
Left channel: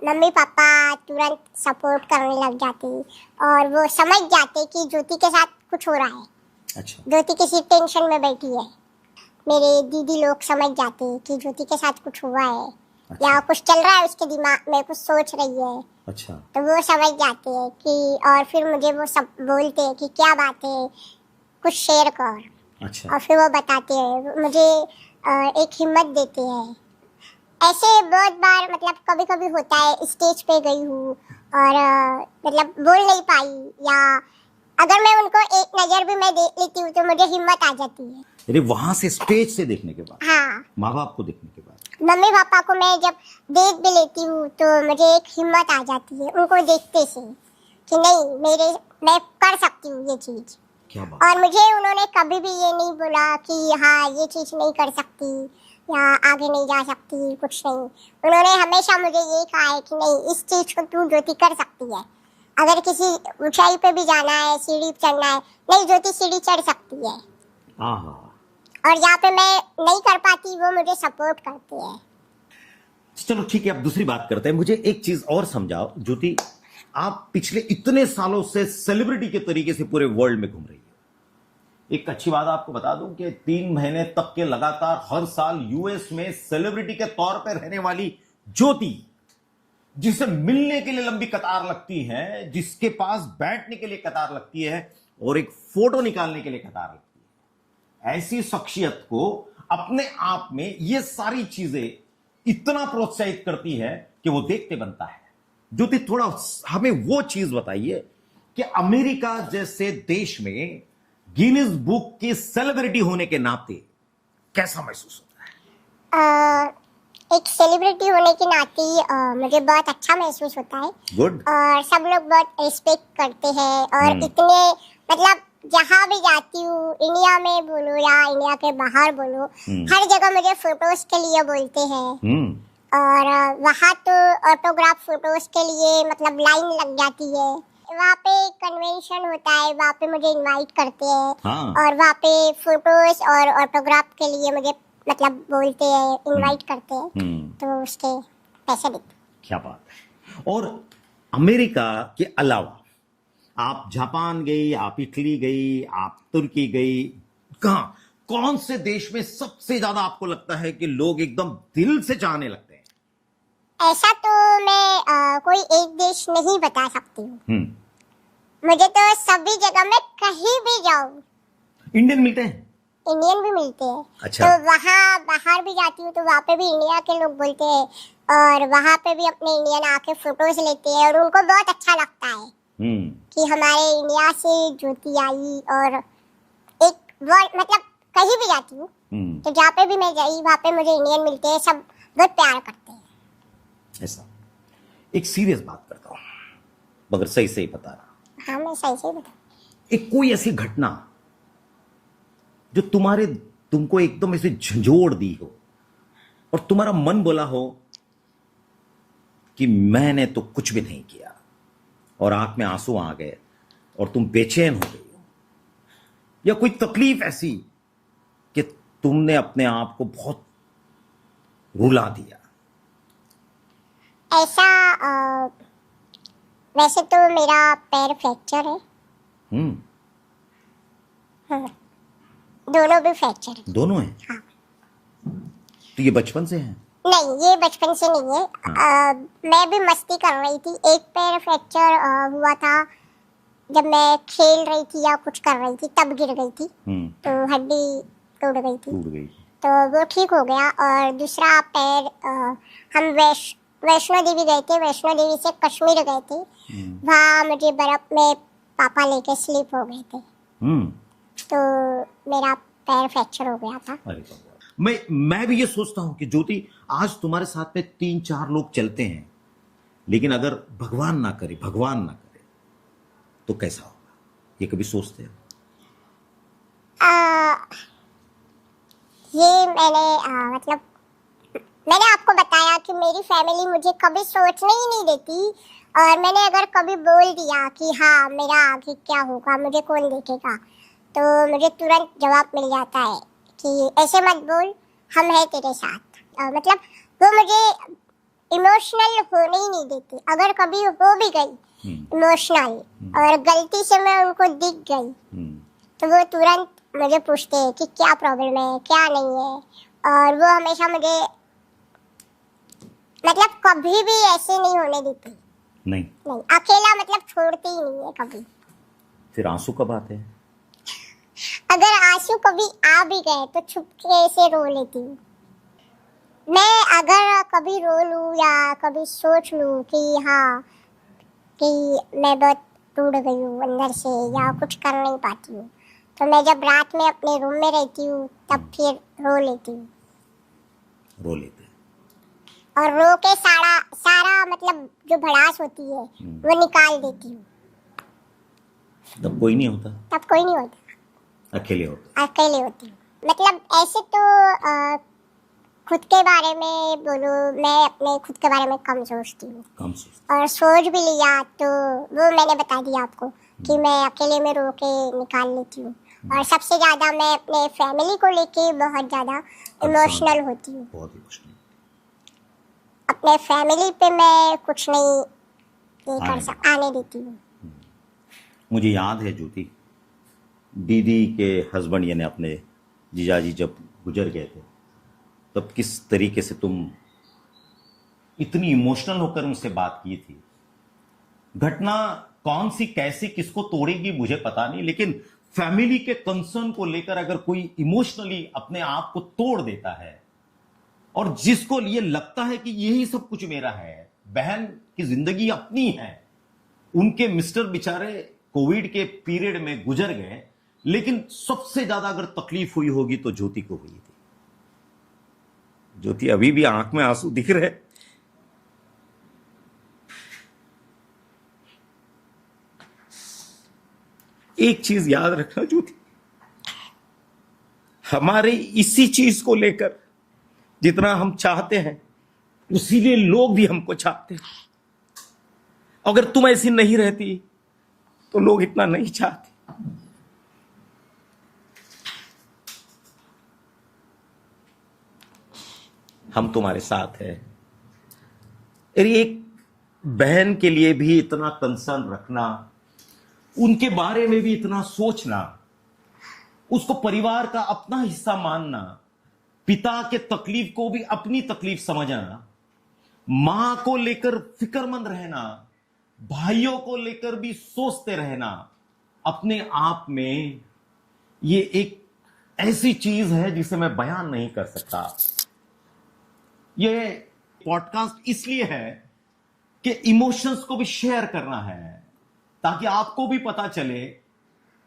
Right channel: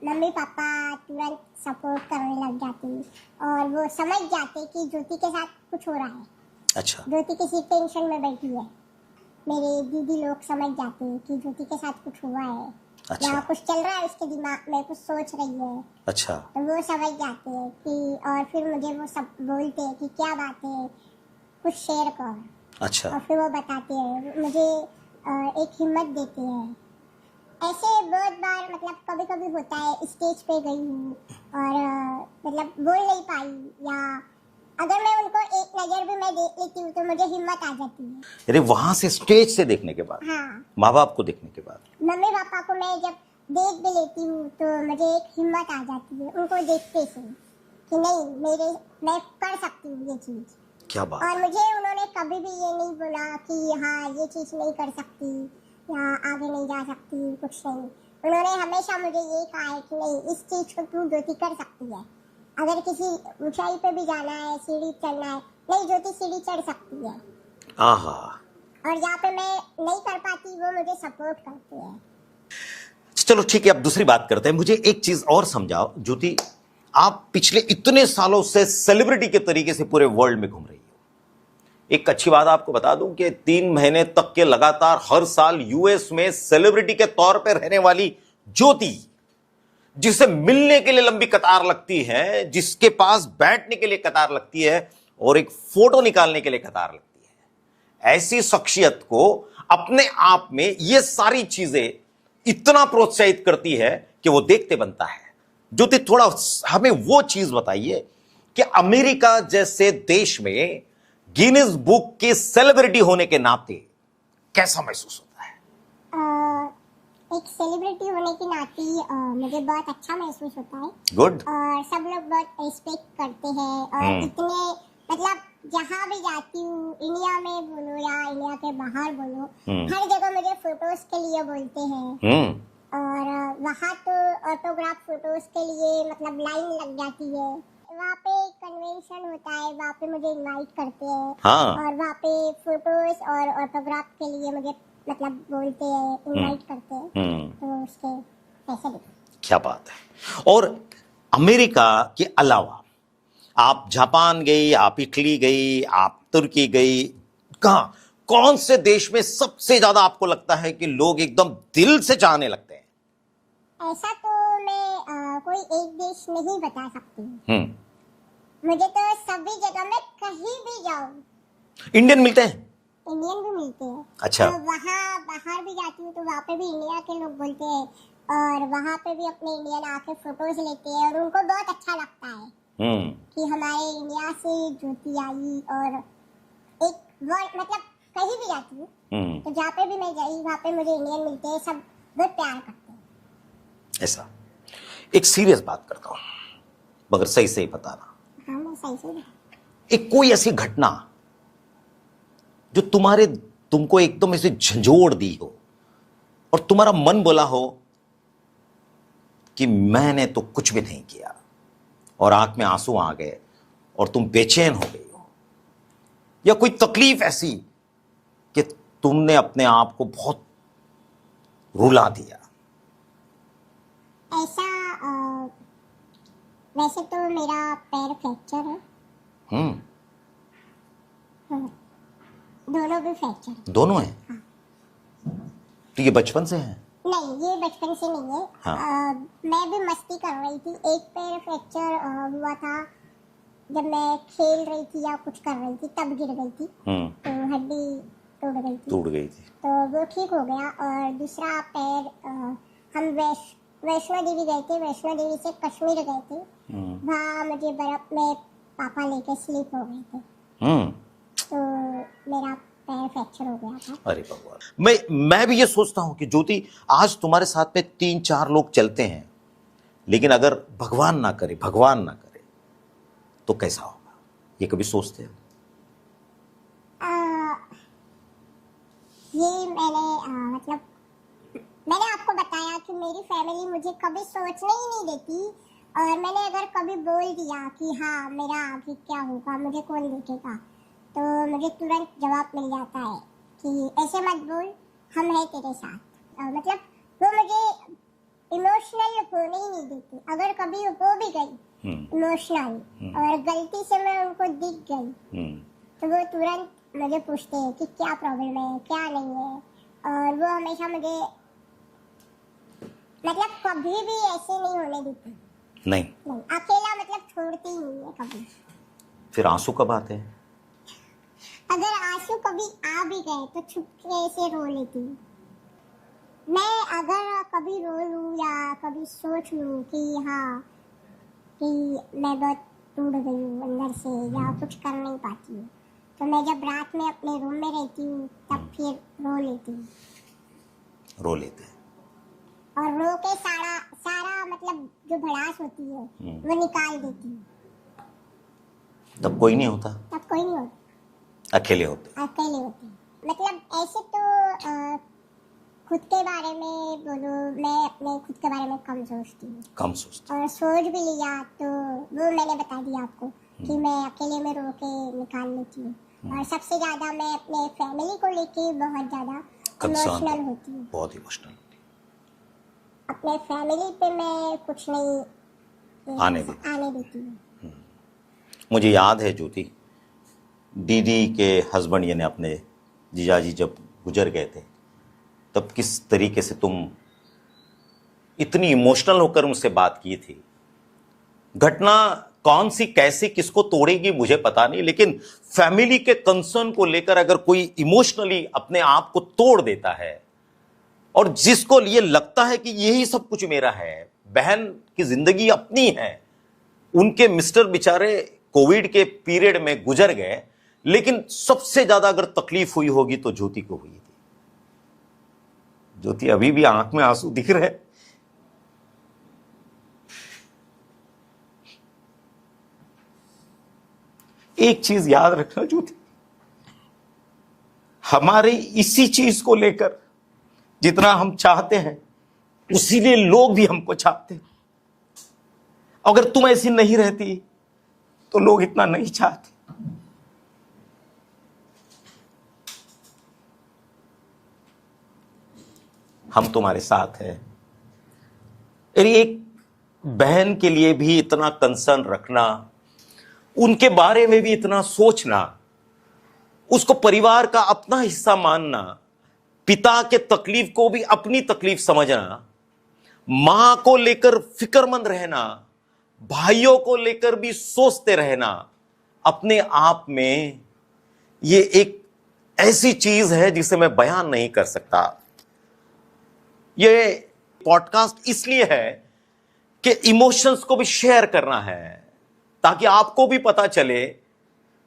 मम्मी पापा तुरंत सपोर्ट करने लग जाते और वो समझ जाते कि ज्योति के साथ कुछ हो रहा है। अच्छा। ज्योति किसी टेंशन में बैठी है। मेरे दीदी लोग समझ जाते कि ज्योति के साथ कुछ हुआ है। अच्छा। या कुछ चल रहा है उसके दिमाग में, कुछ सोच रही है। अच्छा। तो वो समझ जाते हैं कि, और फिर मुझे वो सब बोलते हैं कि क्या बात है, कुछ शेयर कर। अच्छा। और फिर वो बताते हैं, मुझे एक हिम्मत देते हैं। ऐसे बहुत बार मतलब कभी कभी होता है, स्टेज पे गई हूँ और मतलब बोल नहीं पाई, या अगर मैं उनको एक नजर भी मैं देख लेती हूँ तो मुझे हिम्मत आ जाती है। अरे, वहां से स्टेज से देखने के बाद? हाँ, माँ बाप को देखने के बाद? मम्मी पापा को मैं जब देख भी लेती हूँ तो मुझे एक हिम्मत आ जाती है उनको देखते से कि नहीं, मैं कर सकती हूँ ये चीज। क्या बात। और मुझे उन्होंने कभी भी ये नहीं बोला कि हाँ, ये चीज नहीं कर सकती या आगे नहीं जा सकती, कुछ नहीं। उन्होंने हमेशा मुझे ये कहा है कि नहीं, इस चीज को तू ज्योति कर सकती है। अगर किसी ऊंचाई पे भी जाना है, सीढ़ी चढ़ना है, नहीं, ज्योति सीढ़ी चढ़ सकती है। आहा। और यहाँ पे मैं नहीं कर पाती, वो मुझे सपोर्ट करते हैं। चलो ठीक है, अब दूसरी बात करते हैं। मुझे एक चीज और समझाओ ज्योति, आप पिछले इतने सालों से सेलिब्रिटी के तरीके से पूरे वर्ल्ड में घूम रही हो। एक अच्छी बात आपको बता दूं कि 3 महीने तक के लगातार हर साल यूएस में सेलिब्रिटी के तौर पर रहने वाली ज्योति, जिसे मिलने के लिए लंबी कतार लगती है, जिसके पास बैठने के लिए कतार लगती है और एक फोटो निकालने के लिए कतार लगती है, ऐसी शख्सियत को अपने आप में ये सारी चीजें इतना प्रोत्साहित करती है कि वो देखते बनता है। ज्योति, थोड़ा हमें वो चीज बताइए कि अमेरिका जैसे देश में गिनीज बुक की सेलिब्रिटी होने के नाते कैसा महसूस होता है? एक सेलिब्रिटी होने के नाते मुझे बहुत अच्छा महसूस होता है। गुड। और सब लोग बहुत रिस्पेक्ट करते हैं और इतने मतलब जहाँ भी जाती हूँ, इंडिया में बोलो या इंडिया के बाहर बोलो, हर जगह मुझे फोटोज के लिए बोलते हैं। और वहाँ तो ऑटोग्राफ फोटोज के लिए मतलब लाइन लग जाती है। वहाँ पे कन्वेंशन होता है, वहाँ पे मुझे इनवाइट करते हैं। हाँ। और वहाँ पे फोटोज और ऑटोग्राफ के लिए मुझे मतलब बोलते हैं, इनवाइट करते हैं, तो उसके पैसे देते हैं। क्या बात है। और अमेरिका के अलावा आप जापान गई, आप इटली गई, आप तुर्की गई, कहाँ कौन से देश में सबसे ज्यादा आपको लगता है कि लोग एकदम दिल से चाहने लगते हैं? ऐसा तो मैं कोई एक देश नहीं बता सकती हूँ। मुझे तो सभी जगह में कहीं भी जाऊँ इंडियन मिलते हैं, इंडियन भी मिलते हैं। अच्छा। तो वहाँ बाहर भी जाती हूँ तो वहाँ पे भी इंडिया के लोग बोलते हैं और वहाँ पे भी अपने इंडियन आके फोटोज लेते हैं और उनको बहुत अच्छा लगता है कि हमारे इंडिया से ज्योति आई। और एक वर्ड मतलब कहीं भी जाती हूँ तो जहाँ पे भी मैं गई वहाँ पे मुझे इंडियन मिलते हैं, सब बहुत प्यार करते हैं। ऐसा एक सीरियस बात करता हूँ, मगर सही सही बताना। हाँ, मैं सही से बता। एक कोई ऐसी घटना जो तुमको एकदम ऐसे झंझोड़ दी हो और तुम्हारा मन बोला हो कि मैंने तो कुछ भी नहीं किया, और आंख में आंसू आ गए और तुम बेचैन हो गई हो, या कोई तकलीफ ऐसी कि तुमने अपने आप को बहुत रुला दिया? ऐसा वैसे तो मेरा पैर फ्रैक्चर है। हाँ, दोनों भी फ्रैक्चर है। दोनों हैं? हाँ। तो ये बचपन से है? नहीं, ये बचपन से नहीं है। हाँ। मैं भी मस्ती कर रही थी। एक पैर फ्रैक्चर हुआ था जब मैं खेल रही थी या कुछ कर रही थी, तब गिर गई थी तो हड्डी टूट गई थी। तो वो ठीक हो गया। और दूसरा पैर हम वैष्णो देवी गए थे, वैष्णो देवी से कश्मीर गए थे। वहाँ मुझे बर्फ में पापा लेके स्लिप हो गए थे तो मेरा पैर फ्रैक्चर हो गया था। अरे भगवान। मैं भी ये सोचता हूं कि ज्योति, आज तुम्हारे साथ में 3-4 लोग चलते हैं, लेकिन अगर भगवान ना करे तो कैसा होगा, ये कभी सोचते हो? ये मतलब मैंने आपको बताया कि मेरी फैमिली मुझे कभी सोचने ही नहीं देती। और मैंने अगर कभी बोल दिया कि हाँ मेरा आगे क्या होगा, मुझे कौन देखेगा, तो मुझे तुरंत जवाब मिल जाता है कि ऐसे मत बोल, हम हैं तेरे साथ। मतलब वो मुझे इमोशनल होने ही नहीं देती। अगर कभी हो भी गई इमोशनल और गलती से मैं उनको दिख गई तो वो तुरंत मुझे पूछते हैं कि क्या प्रॉब्लम है, क्या नहीं है। और वो हमेशा मुझे मतलब कभी भी ऐसे नहीं होने देती। नहीं, अकेला मतलब छोड़ती ही नहीं है कभी। फिर आंसू कब आते हैं? अगर आंसू कभी आ भी गए तो चुपके से रो लेती हूँ। मैं अगर कभी रो लूँ या कभी सोच लूँ कि हाँ कि मैं बहुत टूट गई हूँ अंदर से या कुछ कर नहीं पाती हूँ, तो मैं जब रात में अपने रूम में रहती हूँ तब फिर रो लेती हूँ। रो लेते हैं और रो के सारा मतलब जो भड़ास होती है वो निकाल देती हूँ। तब कोई नहीं होता? तब कोई नहीं होता, अकेले होती हूँ। मतलब ऐसे तो खुद के बारे में बोलो, मैं अपने खुद के बारे में कम सोचती हूँ। और सोच भी लिया तो वो मैंने बता दिया आपको कि मैं अकेले में रो के निकाल लेती हूँ। और सबसे ज्यादा मैं अपने फैमिली को लेके बहुत ज्यादा इमोशनल होती हूँ। बहुत इमोशनल। अपने फैमिली पे मैं कुछ नहीं आने देती हूँ। मुझे याद है ज्योति, दीदी के हस्बैंड यानी अपने जीजाजी जब गुजर गए थे, तब किस तरीके से तुम इतनी इमोशनल होकर मुझसे बात की थी। घटना कौन सी कैसी किसको तोड़ेगी मुझे पता नहीं, लेकिन फैमिली के कंसर्न को लेकर अगर कोई इमोशनली अपने आप को तोड़ देता है और जिसको लिए लगता है कि यही सब कुछ मेरा है, बहन की जिंदगी अपनी है, उनके मिस्टर बेचारे कोविड के पीरियड में गुजर गए, लेकिन सबसे ज्यादा अगर तकलीफ हुई होगी तो ज्योति को हुई थी। ज्योति अभी भी आंख में आंसू दिख रहे। एक चीज याद रखना ज्योति, हमारे इसी चीज को लेकर जितना हम चाहते हैं उसी लिए लोग भी हमको चाहते हैं। अगर तुम ऐसी नहीं रहती तो लोग इतना नहीं चाहते। हम तुम्हारे साथ हैं। एक बहन के लिए भी इतना कंसर्न रखना, उनके बारे में भी इतना सोचना, उसको परिवार का अपना हिस्सा मानना, पिता के तकलीफ को भी अपनी तकलीफ समझना, मां को लेकर फिक्रमंद रहना, भाइयों को लेकर भी सोचते रहना, अपने आप में ये एक ऐसी चीज है जिसे मैं बयान नहीं कर सकता। ये पॉडकास्ट इसलिए है कि इमोशंस को भी शेयर करना है, ताकि आपको भी पता चले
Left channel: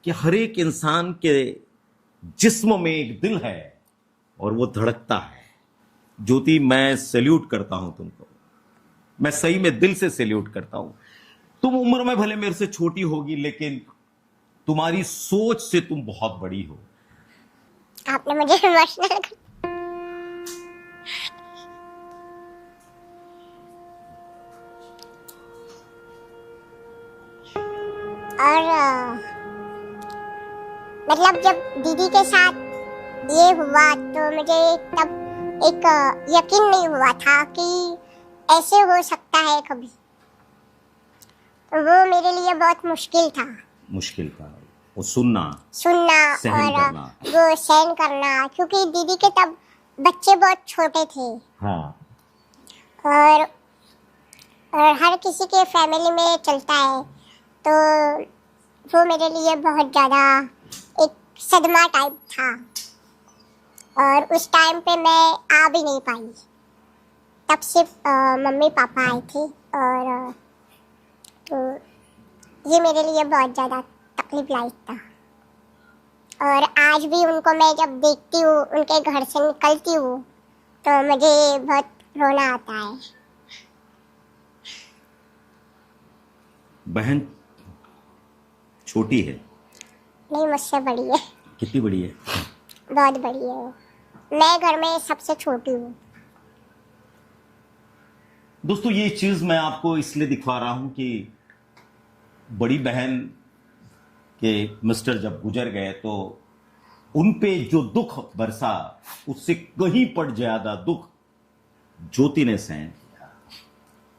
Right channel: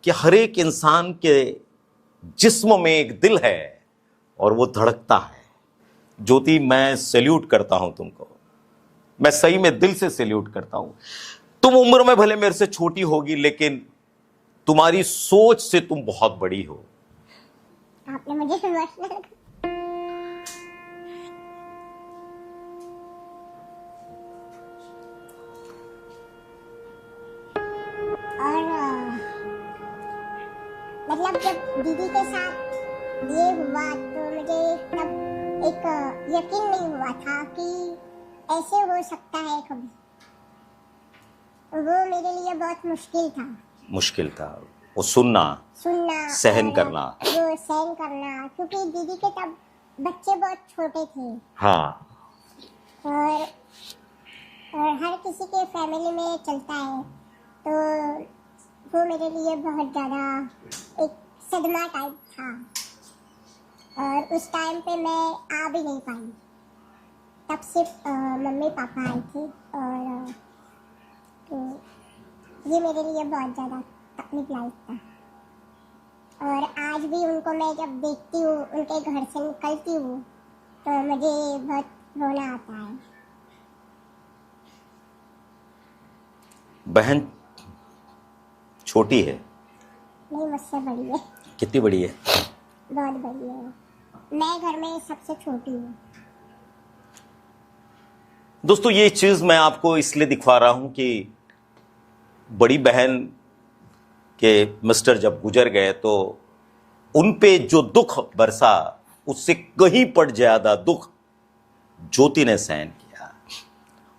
कि हर एक इंसान के जिस्म में एक दिल है और वो धड़कता है। ज्योति, मैं सैल्यूट करता हूं तुमको, मैं सही में दिल से सैल्यूट करता हूं। तुम उम्र में भले मेरे से छोटी होगी, लेकिन तुम्हारी सोच से तुम बहुत बड़ी हो। आपने मुझे इमोशनल और मतलब जब दीदी के साथ ये हुआ तो मुझे तब एक यकीन नहीं हुआ था कि ऐसे हो सकता है कभी। तो वो मेरे लिए बहुत मुश्किल था वो सुनना सहन करना, वो सहन करना, क्योंकि दीदी के तब बच्चे बहुत छोटे थे। हाँ। और हर किसी के फैमिली में चलता है, तो वो मेरे लिए बहुत ज़्यादा एक सदमा टाइप था। और उस टाइम पे मैं आ भी नहीं पाई, तब सिर्फ मम्मी पापा आए थे। और तो ये मेरे लिए बहुत ज़्यादा तकलीफ लायक था। और आज भी उनको मैं जब देखती हूँ, उनके घर से निकलती हूँ, तो मुझे बहुत रोना आता है। बहन छोटी है? नहीं, मुझसे बड़ी है। कितनी बड़ी है? बहुत बड़ी है। मैं घर में सबसे छोटी हूँ। दोस्तों, ये चीज मैं आपको इसलिए दिखवा रहा हूं कि बड़ी बहन के मिस्टर जब गुजर गए तो उन पे जो दुख बरसा, उससे कहीं पर ज्यादा दुख ज्योति ने सहन किया।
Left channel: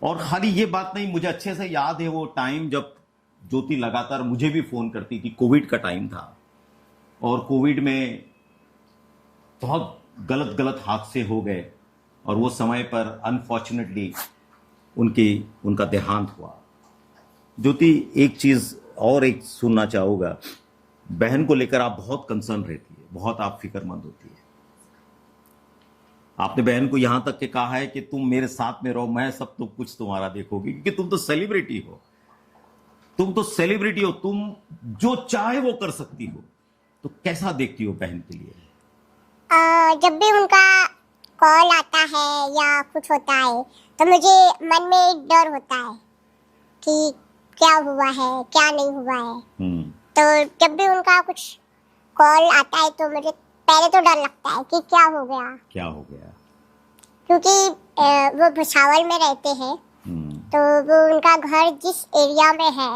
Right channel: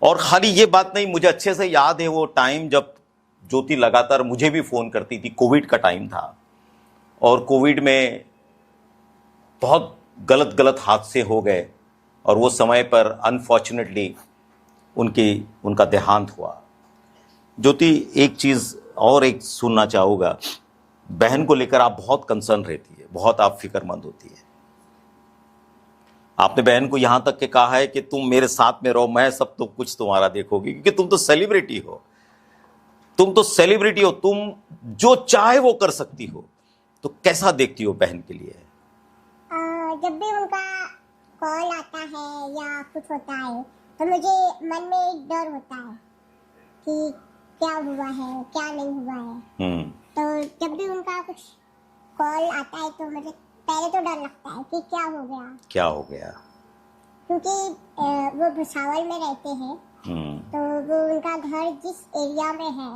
और खाली ये बात नहीं, मुझे अच्छे से याद है वो टाइम जब ज्योति लगातार मुझे भी फोन करती थी। कोविड का टाइम था और कोविड में बहुत गलत हादसे हो गए और वो समय पर अनफॉर्चुनेटली उनका देहांत हुआ। ज्योति, एक चीज और एक सुनना चाहूँगा, बहन को लेकर आप बहुत कंसर्न रहती है, बहुत आप फिक्रमंद होती है। आपने बहन को यहां तक के कहा है कि तुम मेरे साथ में रहो, मैं सब तो कुछ तुम्हारा देखोगी, क्योंकि तुम तो सेलिब्रिटी हो, तुम जो चाहे वो कर सकती हो। तो कैसा देखती हो बहन के लिए? जब भी उनका कॉल आता है या कुछ होता है तो मुझे मन में एक डर होता है कि क्या हुआ है, क्या नहीं हुआ है। तो जब भी उनका कुछ कॉल आता है तो मुझे पहले तो डर लगता है कि क्या हो गया, क्योंकि वो भुसावल में रहते हैं। तो वो उनका घर जिस एरिया में है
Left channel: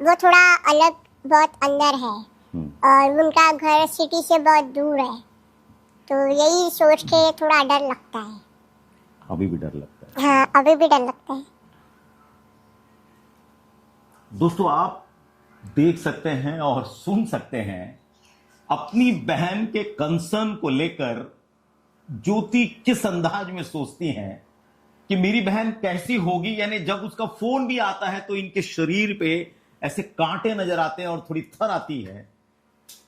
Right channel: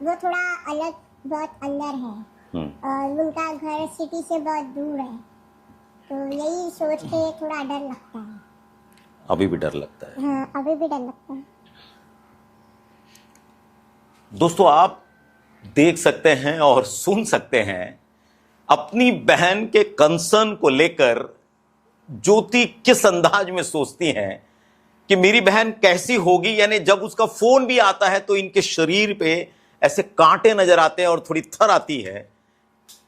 वो थोड़ा अलग, बहुत अंदर है, और उनका घर सिटी से बहुत दूर है। तो यही सोच के थोड़ा डर लगता है। अभी भी डर लगता है। हाँ, अभी भी डर लगता है। दोस्तों, आप देख सकते हैं और सुन सकते हैं अपनी बहन के कंसर्न को लेकर ज्योति किस अंदाज में सोचती हैं कि मेरी बहन कैसी होगी। यानी जब उसका फोन भी आता है तो इनके शरीर पे ऐसे कांटे नजर आते हैं और थोड़ी थर आती है।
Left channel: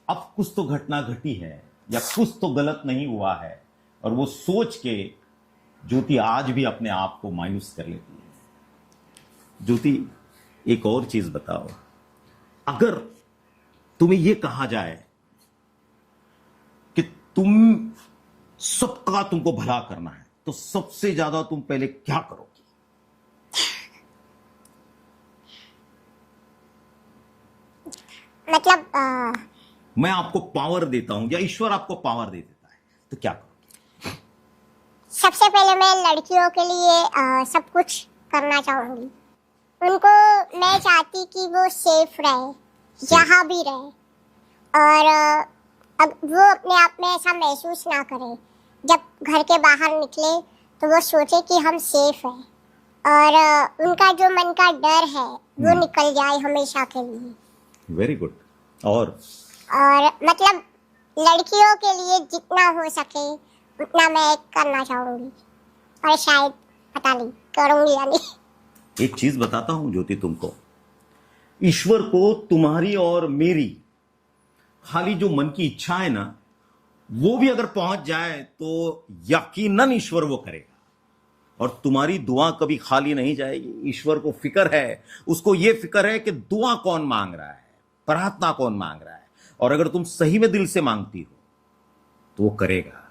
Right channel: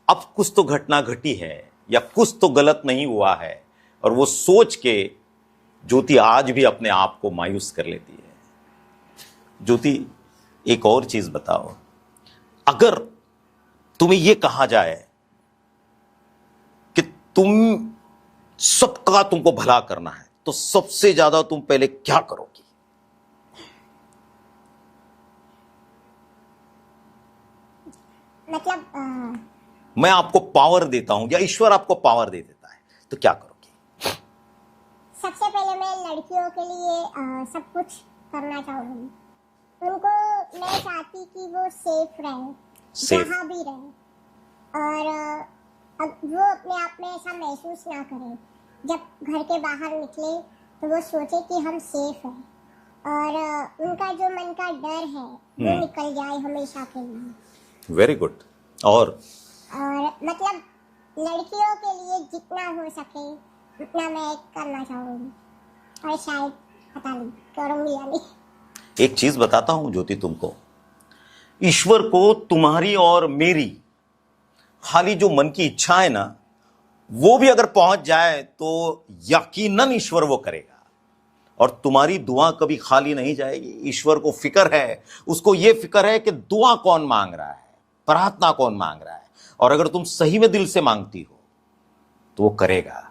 अब कुछ तो घटना घटी है या कुछ तो गलत नहीं हुआ है, और वो सोच के ज्योति आज भी अपने आप को मायूस कर लेती है। ज्योति, एक और चीज बताओ, अगर तुम्हें यह कहा जाए कि तुमको भला करना है, तो सबसे ज्यादा तुम पहले क्या करोगी? मतलब मैं आपको पावर देता हूं या ईश्वर आपको पावर दे देता है, तो क्या करोगे? सबसे पहले मैं लड़कियों के लिए सब कुछ करना चाहूंगी। उनको मैं चाहती कि वो सेफ रहे, जहाँ भी रहे, और वो अपने आप में ऐसा महसूस ना करे। जब घर के बाहर निकले तो वो सोचे कि हम सेफ हैं, और उनका जो मन का डर है वो निकल जाए हमेशा के लिए। Very good. और मतलब लड़कियों के लिए जितना हो सके उतना मैं करना चाहूंगी, और शायद पता नहीं करूंगी या नहीं। एक चीज बताता हूं ज्योति तुमको, ईश्वर को तुम्हारी और मेरी खाली जो मन की इच्छा है ना, वो भी अगर पहुंच जाए तो यकीनन ईश्वर वो करेगा। और तुम्हारी दुआ कभी खाली नहीं जाएगी। ईश्वर को फिक्र है, उसको ये फिक्र है कि दुआ कौन मांग रहा है, प्रार्थना कौन मांग रहा है, और अगर तुम सही में दिल से मांगती हो तो वो करेगा।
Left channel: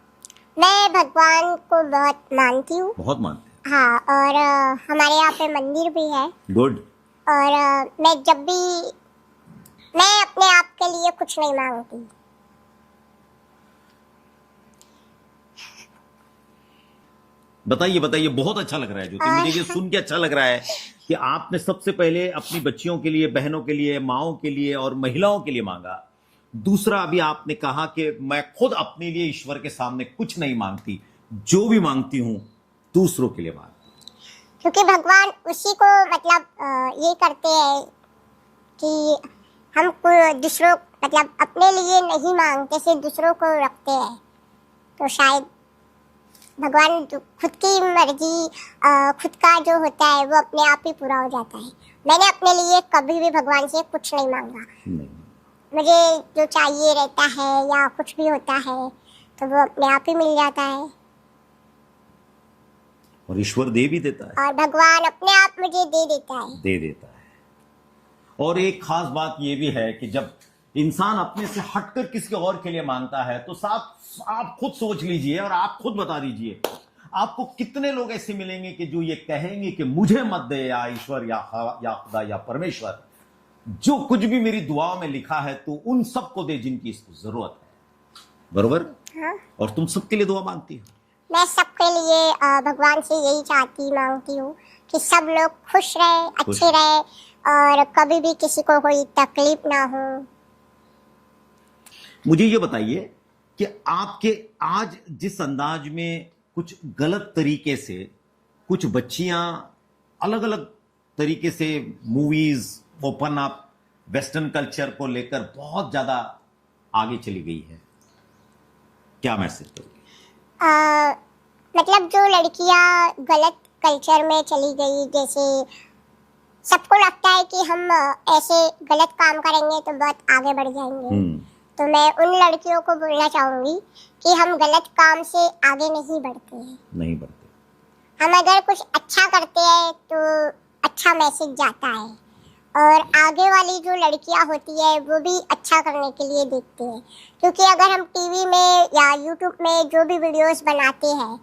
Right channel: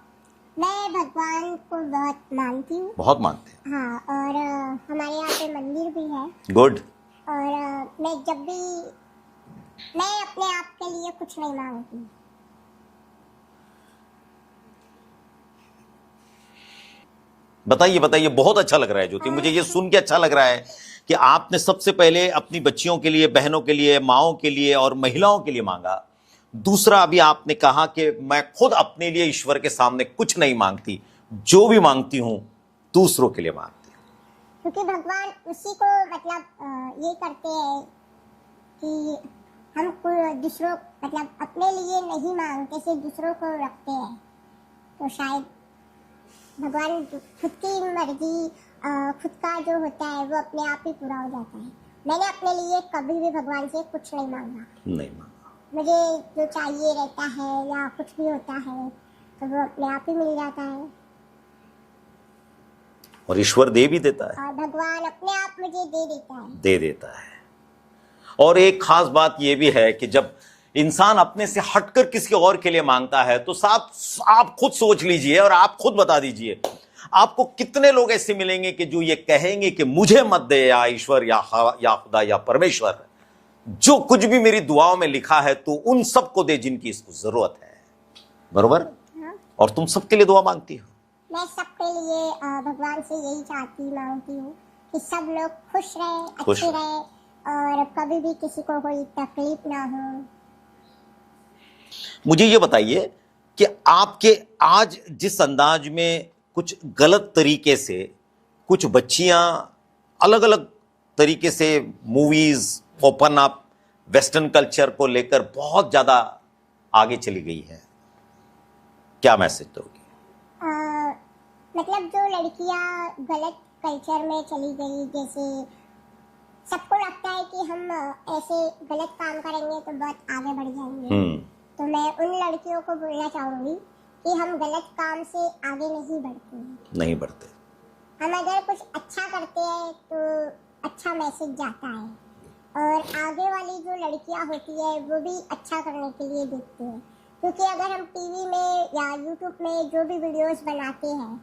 मैं भगवान को बहुत मानती हूँ। बहुत मानते हैं। हाँ, और हमारे यहाँ पे मंदिर भी है। गुड। और मैं अपने आप के लिए कुछ नहीं मांगती। बताइए बताइए, बहुत अच्छा लग रहा है ज्योति, मुझे ये सुन के अच्छा लग रहा है कि आपने सबसे पहले अपनी बच्चियों के लिए, बहनों के लिए, माओं के लिए और महिलाओं के लिए मांगा। दूसरा, अभी आपने कहा कि मैं खुद अपने लिए ईश्वर के सामने कुछ नहीं मांगती, जो भी मांगती हूं दूसरों के लिए मांगती हूं। क्योंकि भगवान उसी को मतलब ये करते हैं कि हम दूसरों मतलब अपने लिए नहीं मांगते, सिर्फ दूसरों को रखते हैं। तो शायद भगवान खुद की मर्जी, खुद का जो होता है वो अपने आप ही पूरा हो जाता है। मैंने अपने लिए कभी भी भगवान से कुछ नहीं मांगा। नहीं मांगा। मुझे जो चाहिए रहता है या कुछ भी होता है तो वो अपने आप ही मिल जाता है, और ईश्वर दे भी देता है, और भगवान अपने आप मुझे दे देता है। और एक खास बात यह भी है कि जब इंसान अपने से हटकर किसी और के लिए मांगता है तो साहब आप खुद सोच लीजिए और आप खुद बता दीजिए, आपको कितने लोग ऐसे मिलेंगे कि जो ये कहेंगे कि मुझे मत दे या ईश्वर या खुदा या परमेश्वर, जो कुछ भी मेरी दुआओं में लिखा है तो उन सबको दे जिनकी इसको जरूरत है। बरोबर? हाँ? और तुम सबके लिए दुआ मांगती हो? मैं सबके लिए भगवान से यही मांगती हूँ कि सब लोग खुश रहे, अच्छे रहे, और कभी भी किसी को कोई तकलीफ ना हो। मुझे ये बताइए कि आपके आज जिस अंदाज में कुछ गलत तरीके से कुछ बच्चियां अलग अलग तरीके से movies, open up, western culture को लेकर बहुत ज्यादा आगे चली गई है, क्या मैसेज दोगी? मतलब जो लड़कियां गलत कल्चर में चली गई, जैसे सबको लगता है कि हम ऐसे गलत काम करेंगे तो बहुत आगे बढ़ जाएंगे, तो मैं उन लड़कियों को बोलना चाहूंगी कि हम गलत काम से आगे नहीं बढ़ते हैं। नहीं बढ़ते। हम अगर कुछ अच्छा करते हैं तो अच्छा मैसेज जाता है, और आगे वाली जो लड़कियां होती है वो भी अच्छा करने के लिए देखती हैं। क्योंकि अगर हम टीवी में या यूट्यूब में जो भी वीडियोस बनाते हैं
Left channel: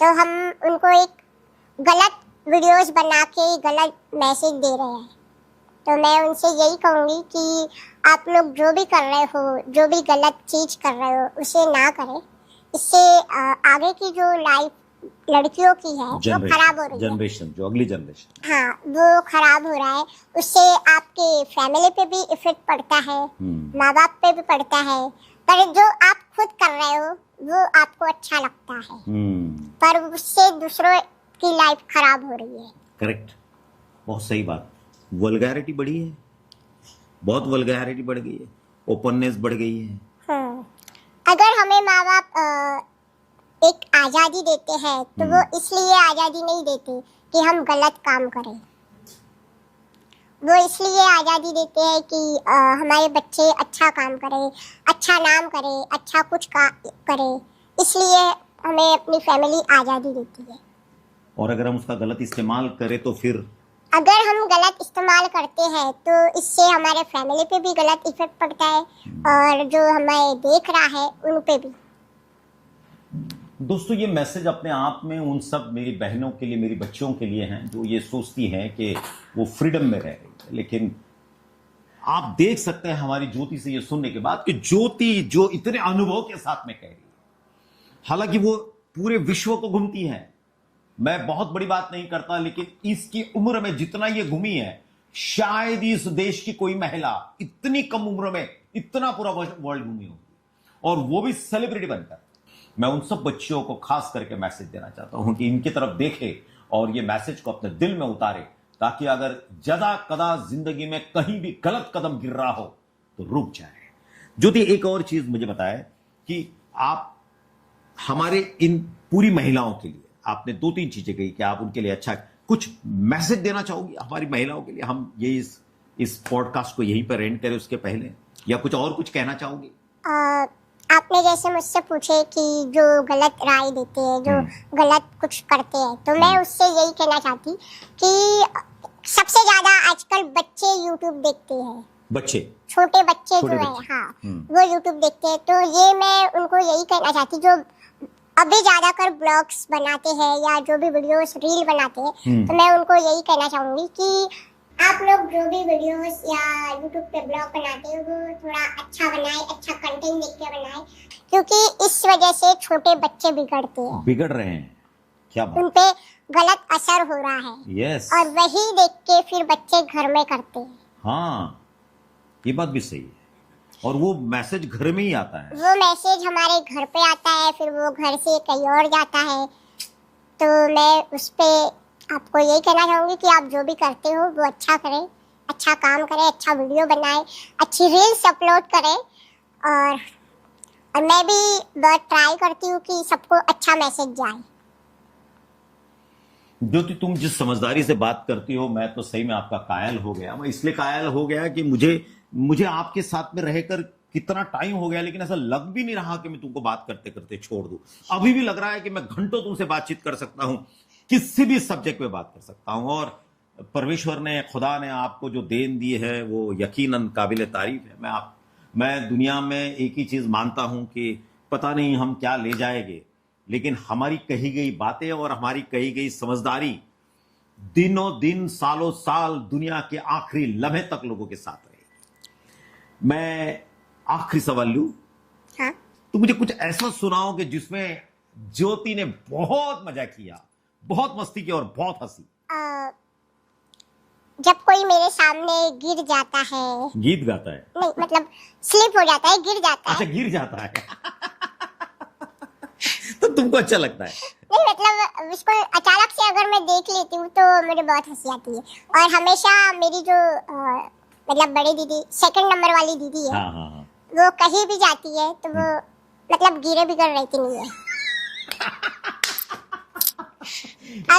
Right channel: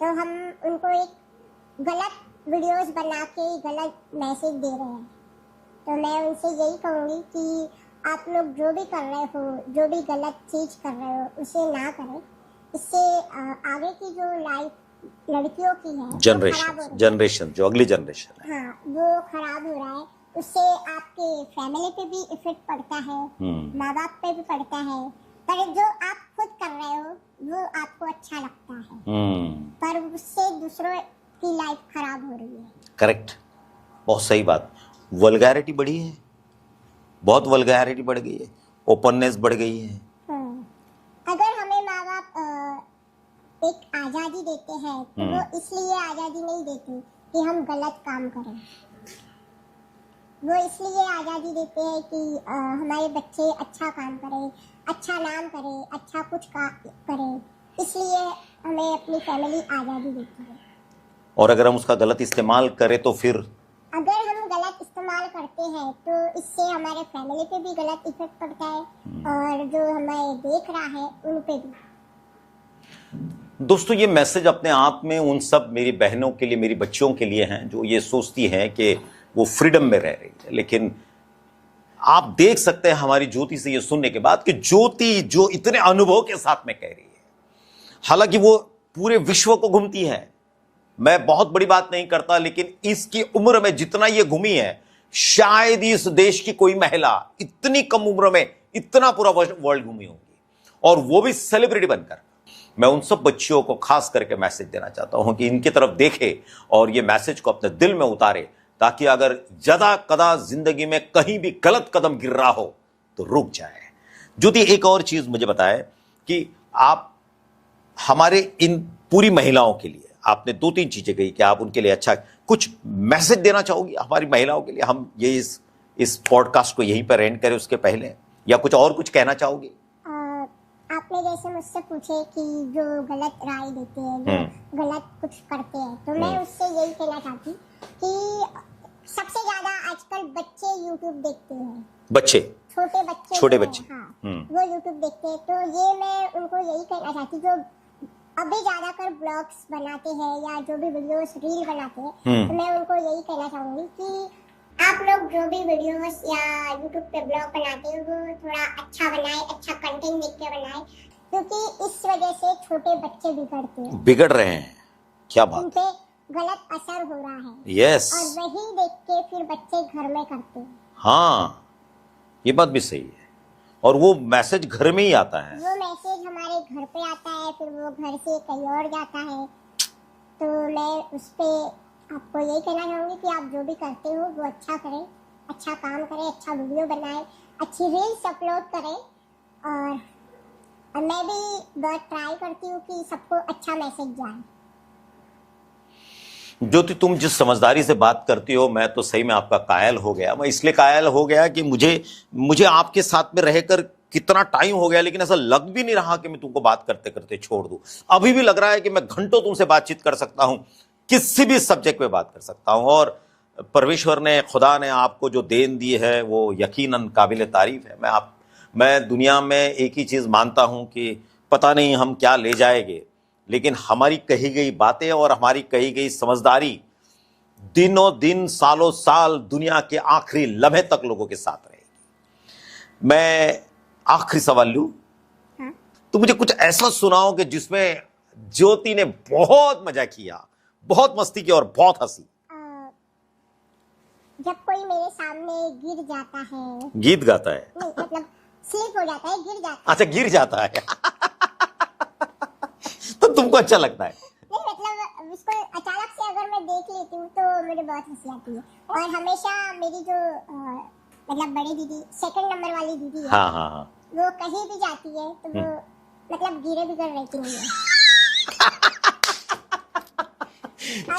तो हम उनको एक गलत वीडियोस बना के गलत मैसेज दे रहे हैं। तो मैं उनसे यही कहूँगी कि आप लोग जो भी कर रहे हो, जो भी गलत चीज़ कर रहे हो, उसे ना करें। इससे आगे की जो लाइफ लड़कियों की है वो खराब हो रही है। जनरेशन, जो अगली जनरेशन है, हाँ, वो खराब हो रहा है। उससे आपके फैमिली पे भी इफेक्ट पड़ता है, माँ बाप पे भी पड़ता है, पर जो आप खुद कर रहे हो वो आपको अच्छा लगता है। पर उससे दूसरों की लाइफ खराब हो रही है। करेक्ट, बहुत सही बात। वल्गैरिटी बढ़ी है, बहुत वल्गैरिटी बढ़ गई है, ओपननेस बढ़ गई है। अगर हमें माँ बाप एक आज़ादी देते हैं तो वो इसलिए आज़ादी नहीं देते कि हम गलत काम करें, वो इसलिए आज़ादी देते हैं कि हमारे बच्चे अच्छा काम करें, अच्छा नाम करें, अच्छा कुछ करें, इसलिए हमें अपनी फैमिली आज़ादी देती है। और अगर हम उसका गलत इस्तेमाल करें तो फिर अगर हम गलत इस्तेमाल करते हैं तो इससे हमारे फैमिली पे भी गलत इफेक्ट पड़ता है और जो हमें देख रहा है उन पे भी। दोस्तों, ये मैसेज अपने आप में उन सब मेरी बहनों के लिए, मेरी बच्चियों के लिए हैं जो ये सोचती हैं कि वो फ्रीडम में रह रही है। लेकिन आप देख सकते हैं हमारी ज्योति से ये सुनने के बाद कि ज्योति जो इतने अनुभव के साथ में कह रही है, हालांकि वो पूरे विश्व को घूमती है। मैं बहुत बड़ी बात नहीं करता, लेकिन इसकी उम्र में जितना ये घूमी है, शायद इस देश की कोई महिला इतनी कम उम्र में इतना पूरा वर्ल्ड घूमी होगी, और वो भी सेलिब्रिटी बनकर। मैं उन सब बच्चियों को खास करके मैसेज देना चाहता हूं कि इनकी तरफ देखे और ये मैसेज को अपने दिल में उतारे, ताकि अगर जदा कदा जिंदगी में कहीं भी गलत कदम गिर रहा हो तो रुक जाए। ज्योति, एक और चीज मुझे बताए कि आप हमारे इन पूरी महिलाओं के लिए आपने 2-3 चीजें कही कि आप उनके लिए अच्छा कुछ मैसेज देना चाहोगी हमारी महिलाओं के लिए। हम ये इस पॉडकास्ट को यहीं पर एंड करें उसके पहले, या कुछ और कुछ कहना चाहोगी? आपने जैसे मुझसे पूछे कि जो गलत राय देते हैं, जो गलत कुछ करते हैं, तो मैं उससे यही कहना चाहती कि सबसे ज्यादा आजकल बच्चे YouTube देखते हैं। बच्चे, छोटे बच्चे हाँ, वो YouTube देखते हैं। तो ये मैं उनको यही कहना चाहती, जो अभी ज्यादा कर ब्लॉग्स बनाते हैं या जो भी वीडियोस रील बनाते हैं, तो मैं उनको यही कहना चाहूंगी कि आप लोग जो भी वीडियोस या YouTube पे ब्लॉग बनाते हो वो थोड़ा अच्छा बनाए, अच्छा कंटेंट देख के बनाए, क्योंकि इस वजह से छोटे बच्चे बिगड़ रहे हैं। क्या बात, उन पे गलत असर हो रहा है। यस, और वही देख के फिर बच्चे घर में करते हैं। हाँ, ये बात भी सही है। और वो मैसेज घर में ही आता है, वो मैसेज हमारे घर पे आता है, फिर वो घर से कहीं और जाता है। तो मैं उस पे आपको यही कहना चाहूंगी कि आप जो भी करते हो वो अच्छा करें, अच्छा काम करें, अच्छा वीडियो बनाएं, अच्छी रील्स अपलोड करें। और मैं भी बहुत ट्राई करती हूँ कि सबको अच्छा मैसेज जाए। ज्योति, तुम जिस समझदारी से बात करती हो, मैं तो सही में आपका कायल हो गया। मैं इसलिए कायल हो गया कि मुझे आपके साथ में रहकर कितना टाइम हो गया, लेकिन ऐसा लग भी नहीं रहा कि मैं तुमको बात करते करते छोड़ दूं। अभी भी लग रहा है कि मैं घंटों तुमसे बातचीत कर सकता हूं, किसी भी सब्जेक्ट पे बात कर सकता हूं। और परमेश्वर ने, खुदा ने आपको जो देन दी है वो यकीनन काबिल तारीफ है। मैं दुनिया में एक ही चीज मानता हूं कि पता नहीं हम क्या ले जाएंगे, लेकिन हमारी कही गई बातें और हमारी कही गई समझदारी दिनों दिन, सालों साल, दुनिया के आखिरी लम्हे तक लोगों के साथ रहेगी। मैं आखिरी सवाल लूं? हाँ? तो मुझे कुछ ऐसा सुनाओ कि जिसमें ज्योति ने बहुत मजा किया, बहुत मस्ती की और बहुत हंसी। जब कोई मेरे सामने गिर जाता है, गीत गाता है? नहीं, मतलब स्लिप हो जाता है, गिर जाता है। अच्छा, गिर जाता है तो तुमको अच्छा लगता है? नहीं, मतलब उसको अचानक से अगर मैं देख लेती हूँ तो मुझे बहुत हंसी आती है। और हमेशा मेरी जो मतलब बड़ी दीदी, सेकंड नंबर वाली दीदी है, हाँ हाँ हाँ, वो कहीं भी जाती है तो वो मतलब गिरे बिगड़ रहती नहीं है।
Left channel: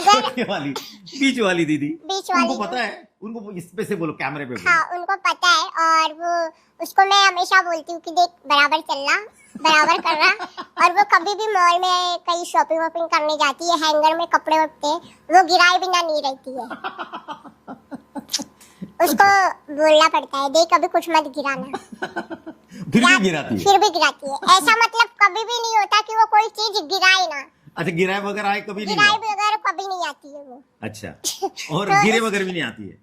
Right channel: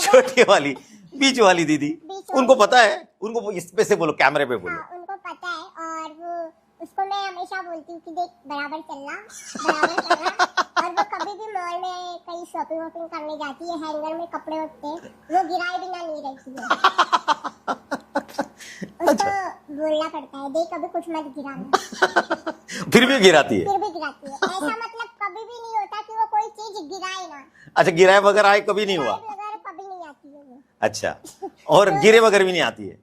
छोटी वाली, बीच वाली दीदी, उनको पता है, उनको इस पे से बोलो, कैमरे पे बोलो। हाँ, उनको पता है। और वो उसको मैं हमेशा बोलती हूँ कि देख, बराबर चलना, बराबर करना। और वो कभी भी मॉल में कहीं शॉपिंग वॉपिंग करने जाती है, हैंगर में कपड़े उठते हैं, वो गिराए बिना नहीं रहती है। उसको बोलना पड़ता है, देख अभी कुछ मत गिराना। फिर भी गिराती है? फिर भी गिराती है। ऐसा मतलब कभी भी नहीं होता कि वो कोई चीज गिराए ना। अच्छा, गिराए बगैर आए कभी नहीं हुआ? गिराए बगैर कभी नहीं आती है वो। अच्छा, और तो गिरे बगैर भी नहीं आती है?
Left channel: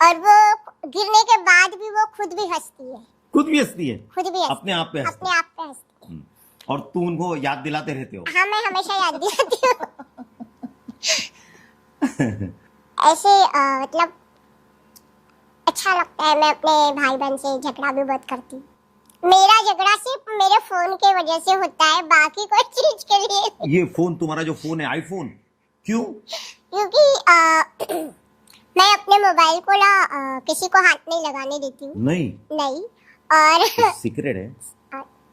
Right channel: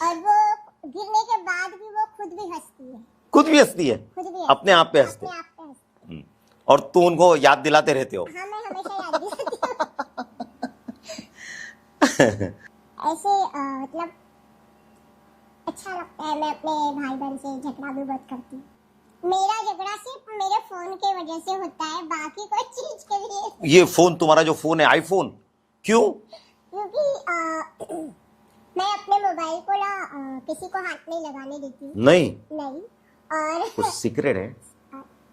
और वो गिरने के बाद भी वो खुद भी हंसती है। खुद भी हंसती है? खुद भी अपने आप पे हंसती है? अपने आप पे हंसती है। और तू उनको याद दिलाते रहते हो? हाँ, मैं हमेशा याद दिलाती हूँ। ऐसे मतलब अच्छा लगता है। मैं अपने भाई बहन से झगड़ा भी बहुत करती हूँ। मेरा झगड़ा सिर्फ मेरे फोन के वजह से होता है, बाकी कोई चीज के लिए। ये फोन, तुम्हारा जो फोन है आईफोन, क्यों? क्योंकि मैं अपने मोबाइल को किसी को हाथ नहीं लगाने देती हूँ। नहीं और सीक्रेट है।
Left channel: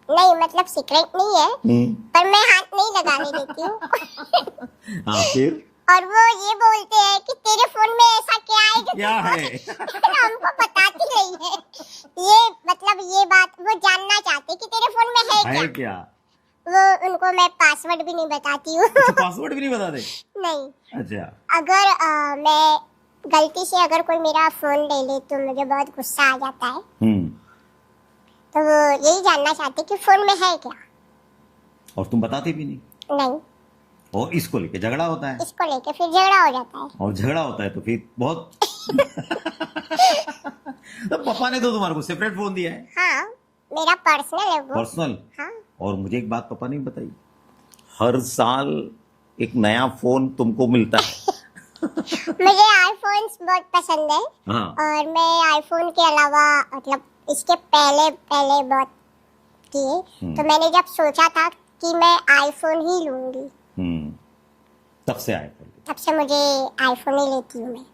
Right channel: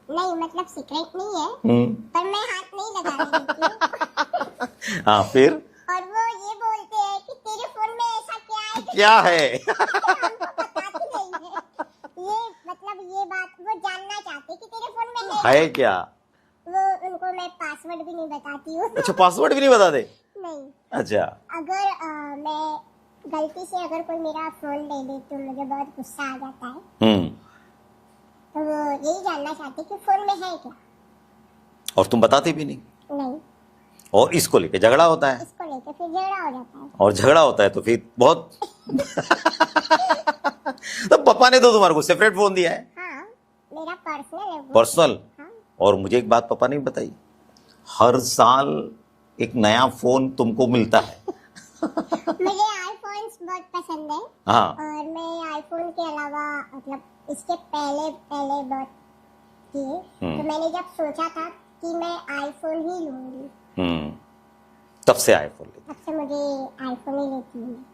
नहीं, मतलब सीक्रेट नहीं है, पर मैं हाथ नहीं लगाने देती हूँ। हाँ, फिर? और वो ये बोलते हैं कि तेरे फोन में ऐसा क्या है कि क्या है? हमको बताती नहीं है। ये बात वो जानना चाहते कि तेरे फोन में है क्या? वो उनको मैं पासवर्ड भी नहीं बताती हूँ। अच्छा, पासवर्ड भी नहीं बताते? नहीं। अच्छा। अगर मैं गलती से अगर कोई मेरा फोन ले ले तो मुझे बहुत गुस्सा आ जाता है। तो वो यही जानना चाहते कि फोन में है क्या। और तुम बताती भी नहीं? नहीं। और इसको लेके झगड़ा होता है? इसको लेके फिर झगड़ा हो जाता है। और झगड़ा होता है तो फिर बहुत तो पापा ने तो तुम्हारे को सेपरेट फोन दिया है? हाँ, मेरा पर्सनल है वो। पर्सनल? हाँ। और मुझे एक बात पापा ने बताई, हर साल एक नया फोन तुमको मिलता है। मुझे आईफोन्स बहुत पसंद है। हाँ। और मैं आईफोन के अलावा मतलब इसके पहले बहुत किए। तो मैंने जब सोचा था कि मैं आईफोन ही लूंगी, तब से आईफोन, तब से मुझे आईफोन ही लेती हूँ मैं।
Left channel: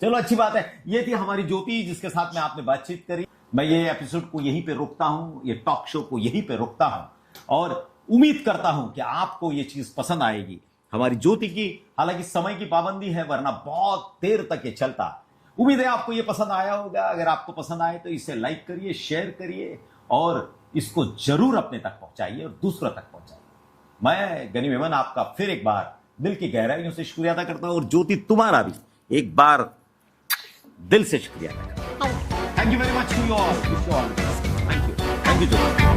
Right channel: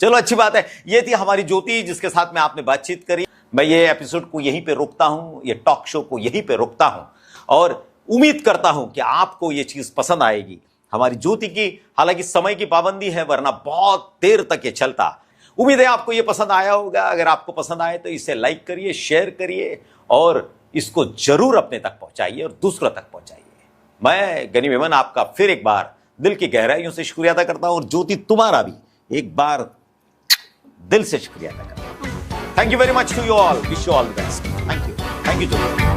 चलो, अच्छी बात है। ये थी हमारी ज्योति, जिसके साथ में आपने बातचीत करी। मैं ये एपिसोड को यहीं पे रोकता हूं, ये टॉक शो को यहीं पे रोकता हूं, और उम्मीद करता हूं कि आपको ये चीज पसंद आएगी हमारी ज्योति की। हालांकि समय की पाबंदी है, वरना बहुत देर तक ये चलता। उम्मीद है आपको ये पसंद आया होगा। अगर आपको पसंद आए तो इसे लाइक करिए, शेयर करिए, और इसको जरूर अपने तक पहुंचाइए और दूसरों तक पहुंचाइए। मैं गनी मेमन आपका फिर एक बार दिल की गहराइयों से शुक्रिया अदा करता हूं, और ज्योति तुम्हारा भी एक बार दिल से शुक्रिया अदा करता हूं। Thank you very much to you all, wish you all the best. Thank you Jyoti.